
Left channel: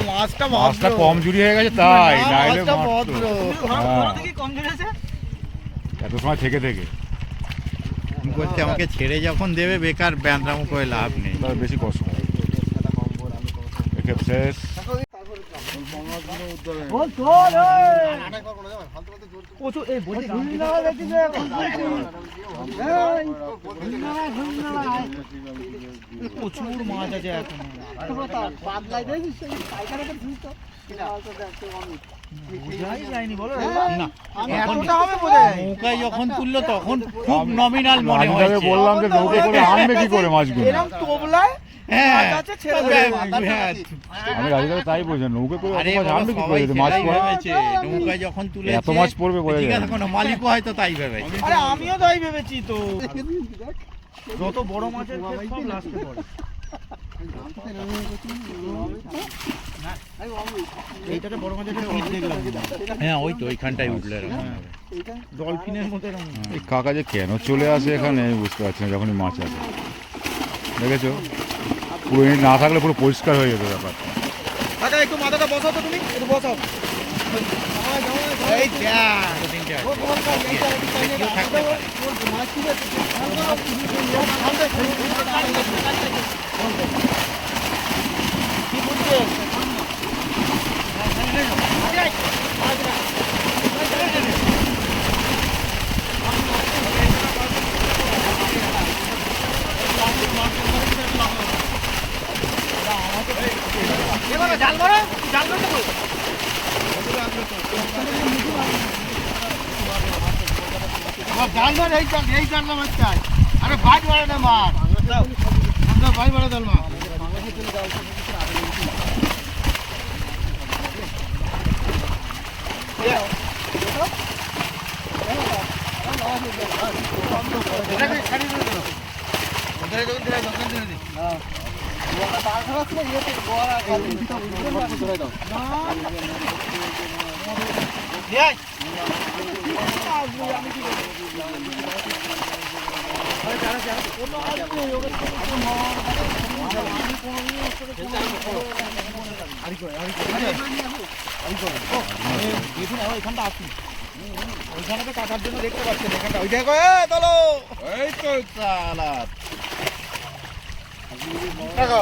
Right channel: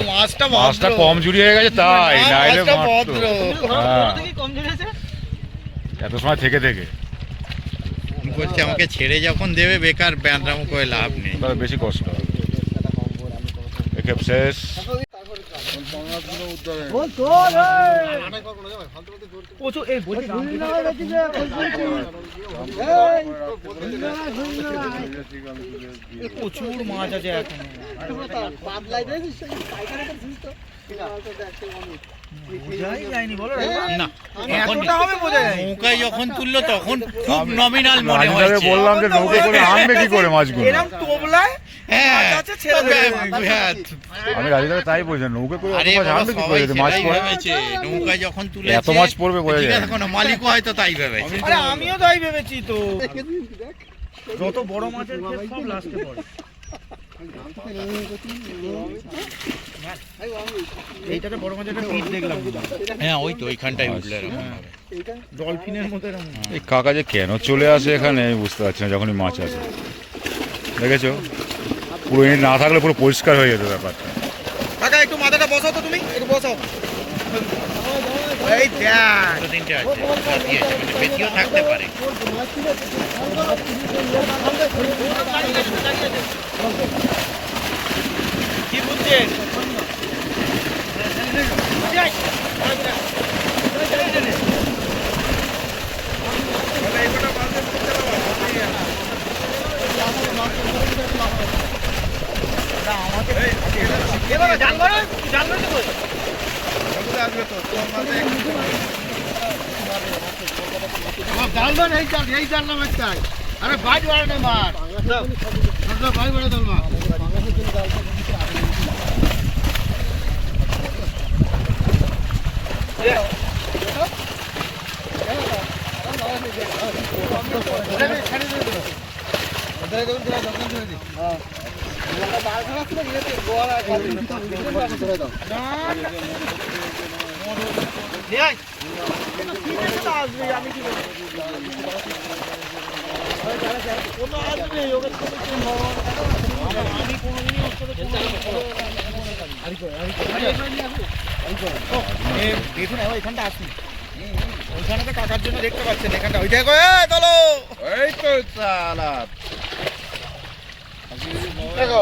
মাছটা মাছটা ভদ্র। কম জুড়ি হয়ে গেছে তাই, না, নাইলে মাছটা মারতো। ভদ্র। হ্যাঁ এত সময় থেকে বলছে আমাকে ছেড়ে যখন দেবে বেকার ব্যান্ডামো করে লাভ নেই। তাহলে বেশি কষ্ট। একে শেষ। প্রচুর এই বলছি প্রচুর মাছ আছে এখন বোঝাই যায়নি বলো না এতটা হবে বোঝা যায় নৌকায় যখন তুললো তখন খুব নমিনাল মনে হয়েছে। বললাম যে নৌকো করে আনবে কি করে মাছগুলো, এরকম তোবলায় মাছ আছে ছেড়ে দেবে হ্যাঁ, আমি রাজীবকে তাই বলছি নৌকো করে আরে মাছ বাবা, আনবে কি সবাই করে যদি মাছ সেটাই পড়ে, ভেবেছে। নৌকায় যখন তুলেছে এত মাছ পড়বে বোঝা ঠিক যায় আছে, না। কোনো মালিকও হয়তো তাই ভেবেছে। আরে আমিও তাই ভেবেছি তো যত বড় মাছের ক্ষেত সব লাস্টে পড়ে এইটাতে বড় মাছের একটা টিপ দেখলাম হ্যাঁ ওই তো ওইখানটাই উঠলে এরকম হবে। ডলফিনের মতো এরকম এই কাকা যে কেন চলে আসে এখানে আমি বুঝতে পারছি না, যখনই মাছ আসে দেখেছো পুরো ইট না থাকলে পুরো পরিষ্কার হয়ে যেত ব্যাপার। কাকা একটু মাথাটা বসাও তো তুমি একটু বসাও এই দেখ দুটো তিনটে আছে, বেশিও থাকতে পারে। কি বুঝছেন আরে বাইট বাড়ে না মার বাইট বাড়ে দল মার দেখুন এখানটা আসুন ওইখানে তো কাকার জন্য দেখতে পাচ্ছেন এখানটা ওই দেখো চলো এই তো চালা দেখো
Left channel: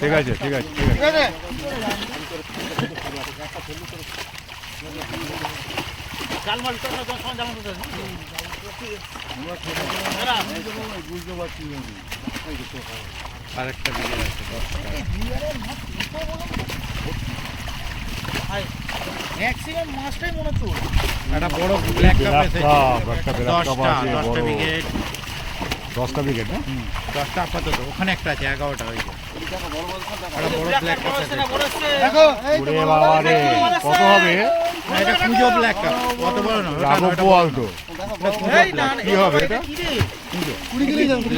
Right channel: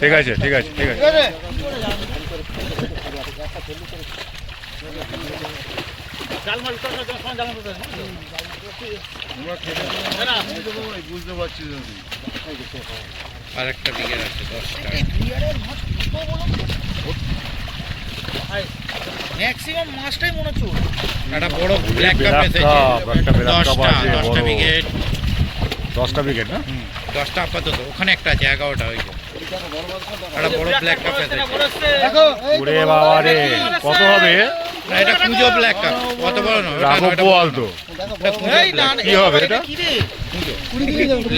ঠিক আছে ঠিক আছে ঠিক আছে। ঠিক আছে বুঝতে পারছি আরেকটা বিঘের আছে 10টা। ম্যাক্সিমাম মাছটাই মনে হচ্ছে ওর। একটা বড় ব্ল্যাক কাপ ব্ল্যাক এসেছে কাপ, একটা ব্ল্যাক কাপ 10টা আছে 10টা বড়, বিঘের 10টা উইকেট না? 10টা আপাতত, ওখানে একটা আছে 11টা হইলো। একটা বড় ব্ল্যাক কাপ এসেছে। দেখো ওরে বাবা রে কত হবে? না এটা পুজো ব্ল্যাক কাপ, কত বড় না রাঘব বোয়াল তো এই না না, কি হবে এটা? কি রে?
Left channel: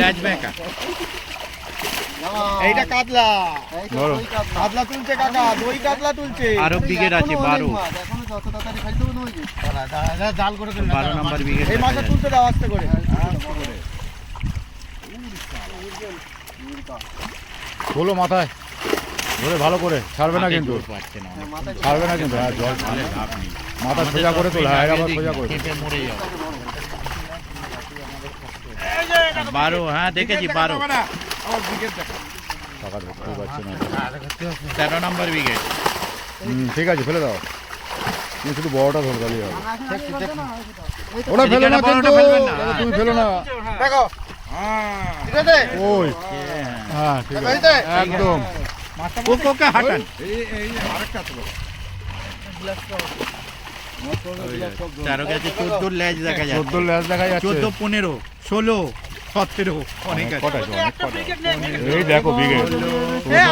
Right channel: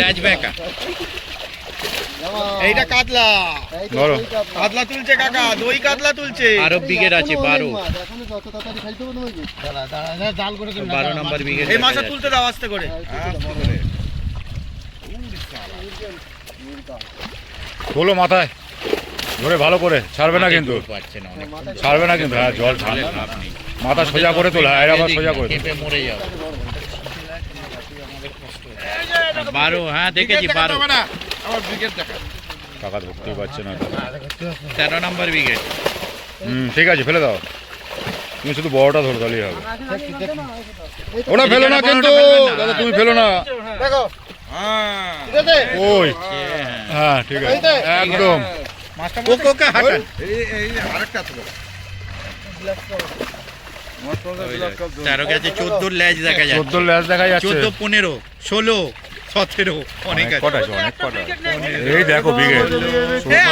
ল্যাজ ব্যাকা। এইটা কাতলা ধরো কাতলা তুলছে কাকা দই কাতলা তুলছে আরো বিঘের আছে 12 এখন যত তাড়াতাড়ি খাইতে হবে তোমাকে জাল করে 12 নম্বর বিঘের। এই মাছটা তুলতে দাও আস্তে করে তোলো মাথায় ধরে ভালো করে, ছাড়বে না কিন্তু, পারছে না ছাড়বে না কিন্তু, হ্যাঁ জল তাহলে ঠান্ডা, লাভ নেই। মাথা সোজা করে তোলা, হ্যাঁ আবার সোজা করে তোলো। খেপে মরে যাবে। 12, হ্যাঁ দেখেছি 12। আমার ব্রিগেড দেখা টাকা ধরতেই পারছে না। 13 নম্বর বিঘের। ঠিক আছে ফেলে দাও, তুমি শুধু বড়টা ধরো তাহলেই হবে। ওটা ফেলো না কিন্তু দাদা, তুমি ফেলো না। দেখো হ্যাঁ ঠিক আছে ওই হ্যাঁ ঠিক আছে একদম। মাছটা কোকোকে হাঁটান। এই আরেকটা তো মাছ পাওয়া যায় ব্ল্যাক কাপ 13 গেছে, 14 ল্যাজ দেখা যাচ্ছে। 14 ল্যাস দেখা যাচ্ছে। 14, 15, 16, 17 অনেক অনেক আছে। কটা আছে, অনেক কটা। এই দেখো বিঘে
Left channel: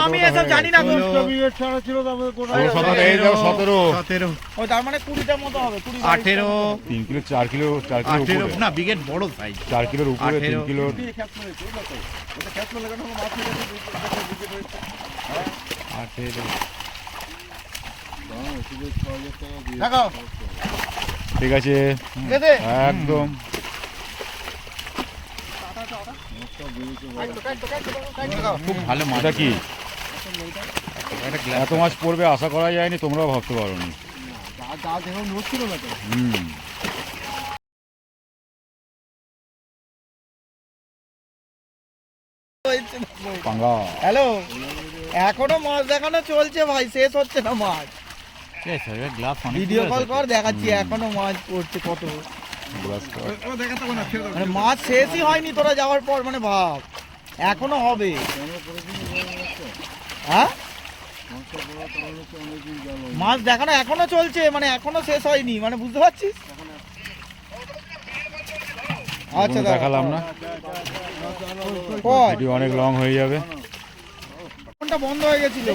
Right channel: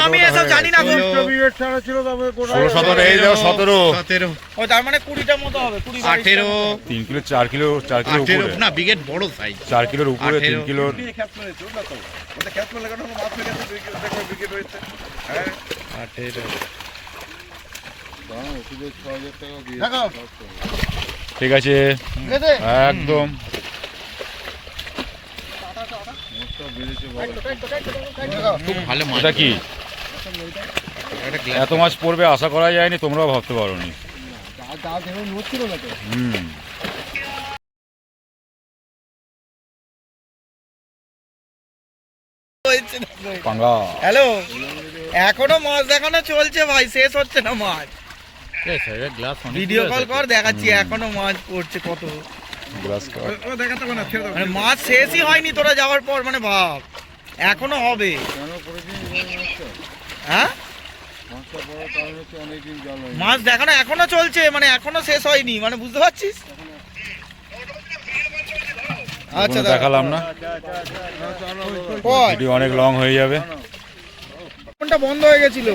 আমি এসব জানি না গো 16-17, এই দেখো 17, 17, ও তার মানে 20টার মতো হবে 20 18, 3 কিলো 4 কিলো 4 কিলো 18 উপরে, না বিঘের বড় সাইজ। 4 কিলোর উপরে, 3 18 কিলোর। খ্যাপ মেরেছে বুঝলো তো ওটা খ্যাপ মেরে লাগানো হলো মাছ হয়ে গেছে দেখো ব্রিগেড হয়েছে হ্যাঁ 18 ওষুধের 6000 টাকা দিয়ে দেখো ঠিক আছে ঠিক আছে একদম। খুব ভালো মাছ। এটা কি একটা glass এত মাছ পড়বে আশা করা যায়নি, তোমরাও ভাবতে পারোনি। যা দেখো নড়ছিল না তো পাঙ্গা হ্যালো এখনো মাছ দেখানো চলছে ভাই, শেষ হচ্ছে না মাছ। গ্লাস ভিডিও কল কর, দেখাচ্ছি এখনো মাছ পড়ছে কত। মানে মাছ শেষই হয়নি তোরা যাওয়ার পর, মানে ভাব এখনো হবে। হ্যাঁ মাছ দেখানো এখনো চলছে, মানে এখনো শেষ হয়নি, মানে বুঝতে পারছিস? আচ্ছা দেখালাম না, ভিডিও অনেক লং হয়ে যাবে। ফোনটা বন্ধ হয়ে গেছিল।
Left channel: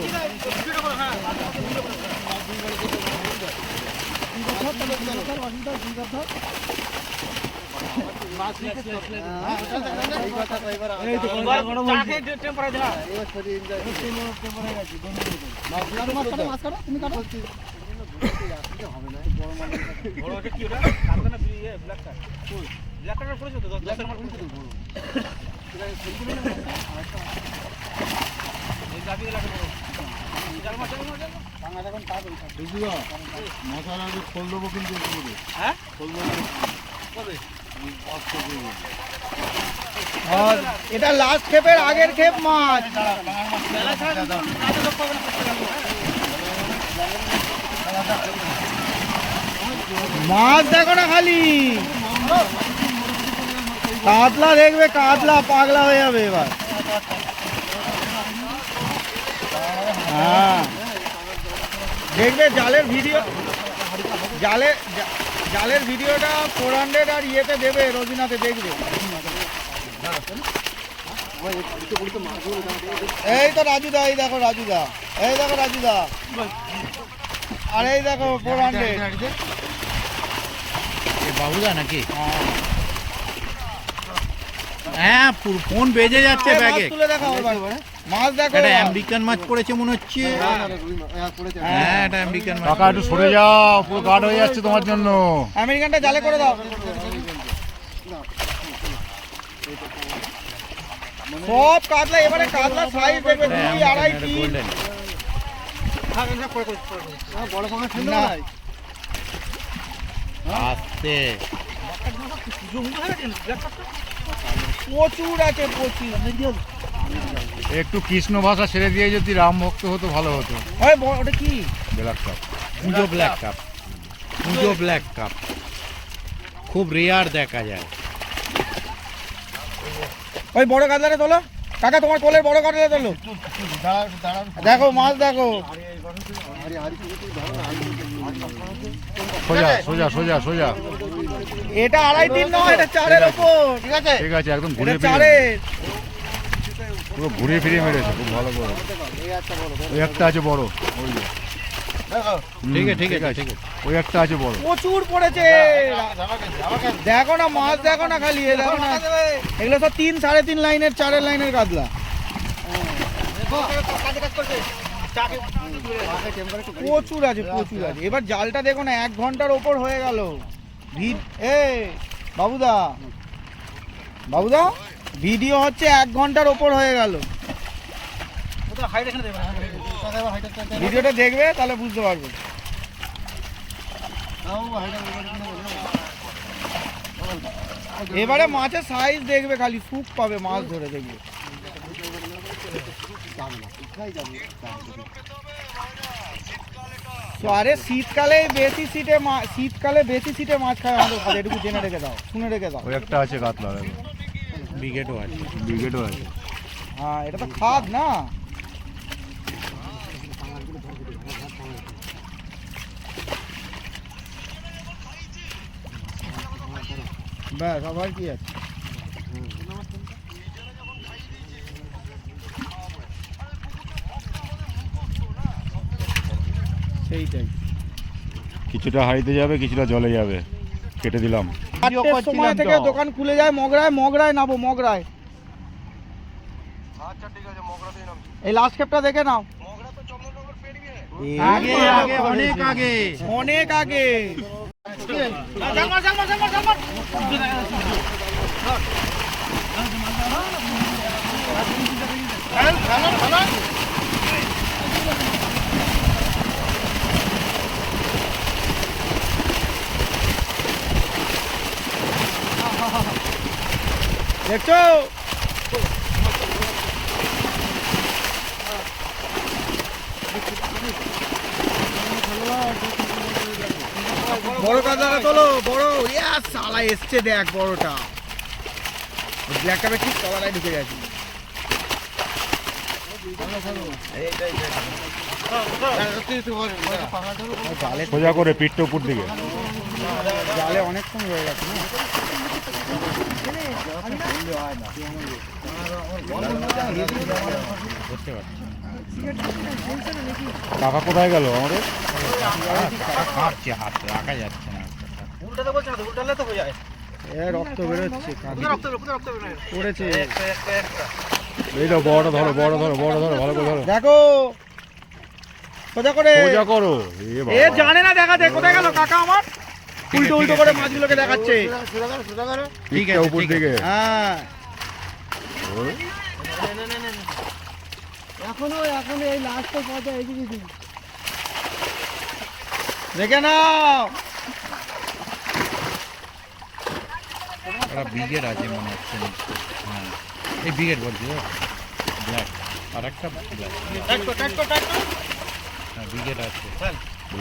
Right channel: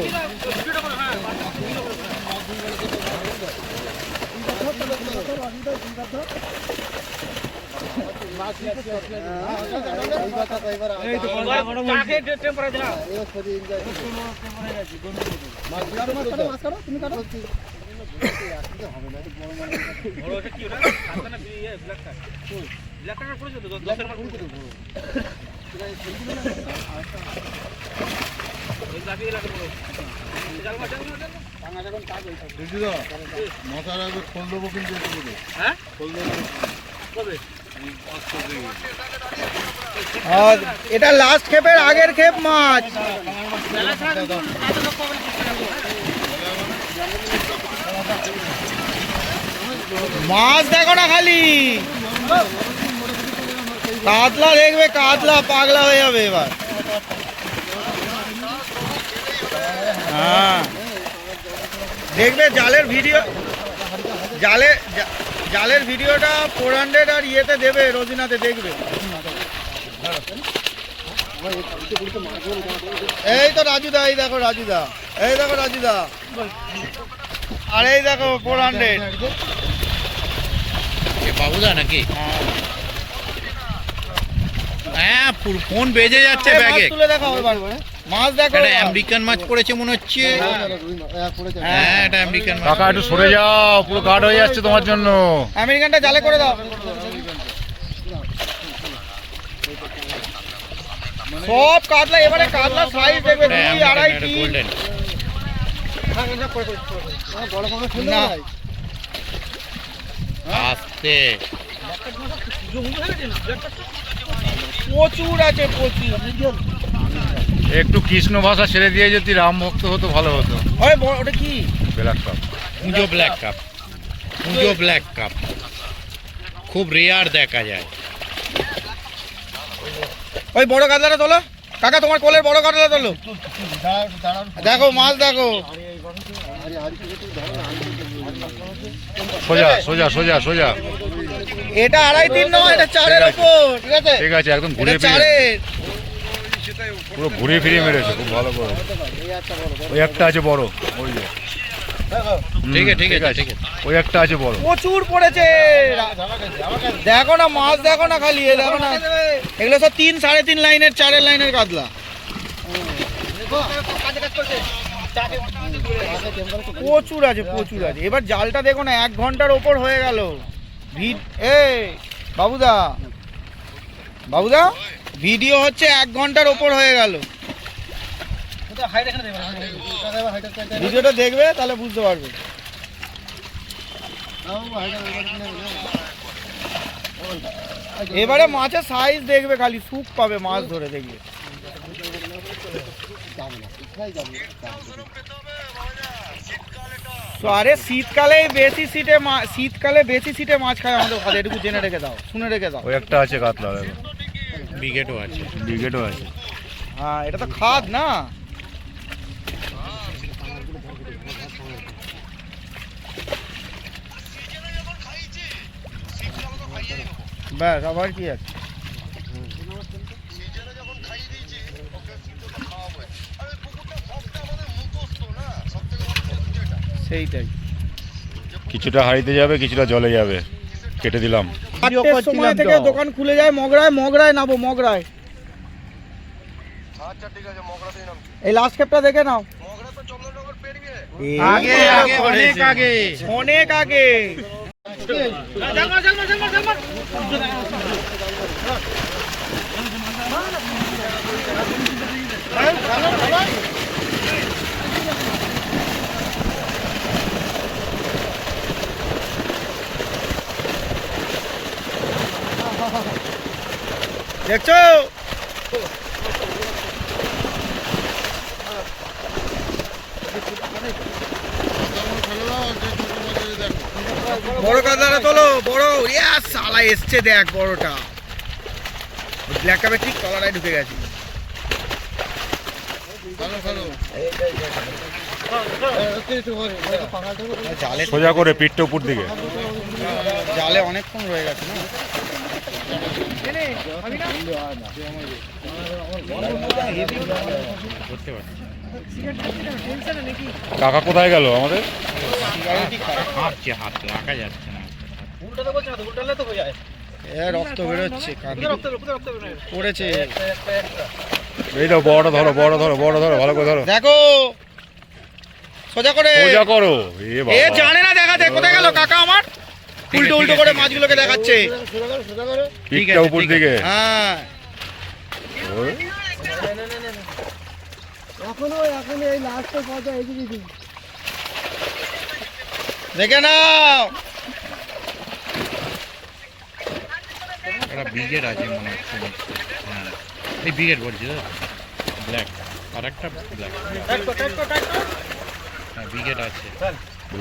এটা লাস্ট খেপের আগের খেপ মাছ। মাছ দেখো না খালি, কাতলা দেখবে, কাতলা পাগলা হয়ে যাবে এবার। হ্যাঁ দেখবে জালের ভিডিও, জালের ভিডিওটা 400 আর ইয়েতে দেবে, রোজিনাতে দেখবে। এই তো রাজুদা, এই দেখো রাজুদা, এই দেখো রাজুদা, আর এই দেখো 400 বাবুদা নাকি? হ্যাঁ ফোন বেজে যাচ্ছে ব্যাগে। তুলে দেখো মাছ, দেখো আমেরিকান মাছ পড়েছে মনে হচ্ছে। হ্যাঁ এটা আমেরিকান মাছ। কাকা একটু সরে যাও, পুরো গার্ড হয়ে যাচ্ছে তোমার জন্য। আমেরিকানটা জালে করে দাও। সব কাতলা, এবারে কাতলা সাইজ দেখবে 2, 2.5, 3। না আস্তে প্রচুর আছে, প্রচুর। একটু কৃষ্ণ ভাষা ছেড়ে দিয়ে যদি রাম ভক্ত হতো ভালো হতো। ওটা কি? ব্ল্যাক কাপ, পুজো ব্ল্যাক কাপ, পুজো ব্ল্যাক কাপ খুব রেয়ার দেখা যায়। ওই বড় কাতলাটা তোলো কাকা, তোমার কোলের বড় কাতলা তোলো। দেখো মাছ দেখো, সোজা সোজা সোজা সোজা। এটা 2.5, 3 নয়, এটা 4-এর উপর। ঠিক আছে, ঠিক আছে, একদম ঘুরে এটা ফিরে 4-এর। পুরো ঘুরে ফিরে মেরেছে, খুব ভালো করে। ওই একটা আছে বড়, ওই যে। ঠিক আছে ঠিক আছে ঠিক আছে। ওই একটা আছে বড়, প্রচুর পড়েছে। দেখো না মাছ, দেখো না খালি, এ দেখো না, এগুলো সব 3, 3.5 লাইনের, 4-এর লাইনের কাতলা। প্রচুর আছে, প্রচুর আছে। এবার জালটা দেখো না, 1 ঘন্টার ওপর হয়ে গেল। বাবুদা, বাবুদা ভিডিও হচ্ছে 1 ঘন্টার ওপর হয়ে গেল। ভিডিওটা দেখবে তাহলে বুঝতে পারবে। এবারে মাছের সাইজ দেখবে খালি, সুখ পাবে মাছ ধরে দেখবে। তো আরে শীতকালে বেশি সিটে মাছ খায় আমাদের ঘরে, এটুকু জেনে রেখে দাও, শুনে রেখে দাও। ওই একটা আছে কাতলা, ব্রিগেডও আছে, ব্রিগেডও আছে। হ্যাঁ এটা তো খাদ না। ব্যাস আবার কি আছে? সেইটাই, কিছুটা হারিতে যাবে, কিছুটা জলে যাবে, কেটে দিলাম। 8টার সময় থেকে দোকান খুলে যায় মগরায় নাবো, মগরায়। এই লাস্ট খেপটা দেখে নাও। আগে আগে অনেক আগে, অনেক আগে। দেখছো বড় কাতলাটা তোলো, বড়। ইয়া সালা এসছে দেখ বড়টা। ব্ল্যাক কাপে ঠিক তলাটায় ঢুকে গেছে। সোজা করে পিঠটা উপর দিকে। জালে অনেকক্ষণ রয়ে গেছে না। কাকা কোথায় গেল আমাদের? কাঁপছে হাত রাখা যাচ্ছে না। রক্ত বেরোচ্ছে, পড়েছে। এই তো বড়টা ধরো, বড় ধরো, বড় ধরো, ভালো করে ধরো। দেখো সোজা করে। সোজা করো। এ জানে না দেখাতে, কোথায় গেল কাকা আমার? উল্টো উল্টো করে মাছগুলোকে দেখাচ্ছে। পিঠটা উপর দিকে। হ্যাঁ ওই। এখনো এই লাস্টের পর্যায়ে এদিকে দিন। দেখে নাও। একটা ব্রিগেড আছে মনে হচ্ছে নিচে। হ্যাঁ এই ব্রিগেড বলছি তো ব্ল্যাক আর একটা ব্ল্যাক। হ্যাঁ ব্রিগেড আছে।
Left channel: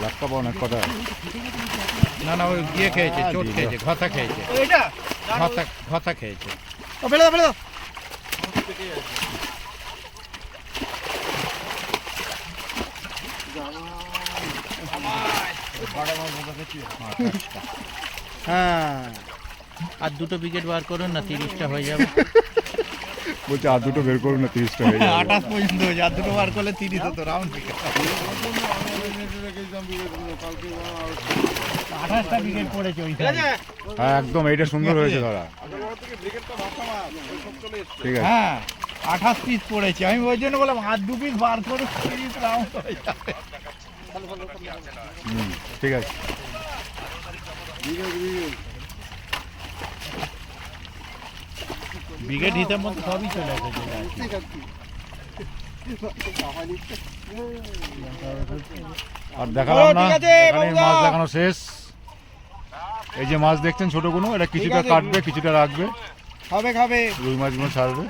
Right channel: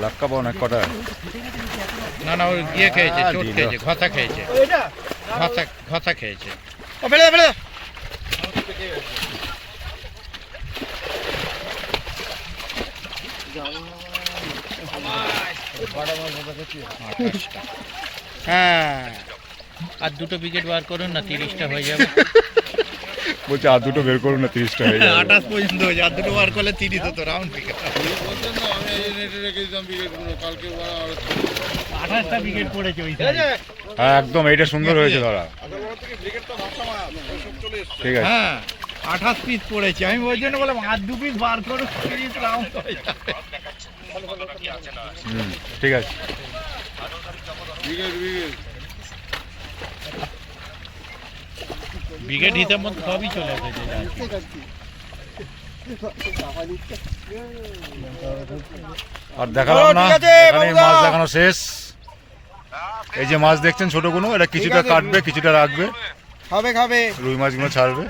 লাক্কা পাও না কটা? না না ওই ইয়ে খেয়েছে, চোট দিল। খেয়েছে, ঘষা খেয়েছে, ঘষা খেয়েছে। ও ফেলে দাও, ফেলে দাও। হ্যাঁ আর দুটো ব্রিগেড বার করুন না, 30টা হয়ে যাবে। বলছে আর দুটো বের করুন না, 30টা হয়ে যাবে। 28 পর্যন্ত হয়ে যাবে, আর দুটো বার করলে 30 হতো রাউন্ড ব্রিগেড। 28টা ব্রিগেড পড়েছে ওই side। হ্যাঁ একদম, এইটা সুন্দর হয়েছে ধরা। ঠিক আছে। হ্যাঁ 28 পিস পড়েছে, আমি ওই জন্য বললাম আর 2 পিস বার করুন, 30 রাউন্ড হয়ে যাবে। ঠিক আছে। ব্রিগেড হিসাব মতো সবই চলে এসেছে। আর দেখালাম না, ঠিক আছে, এখানেই বাবুদা। মাছ দেখানো শেষ। এই যে মাছ দেখছেন ছোট কোনো, এটা কিছুটা ঠিক আছে। কাটবে, কিছুটা রাখবে, খাবে খাবে। রুই মাছগুলো ছাড়বে।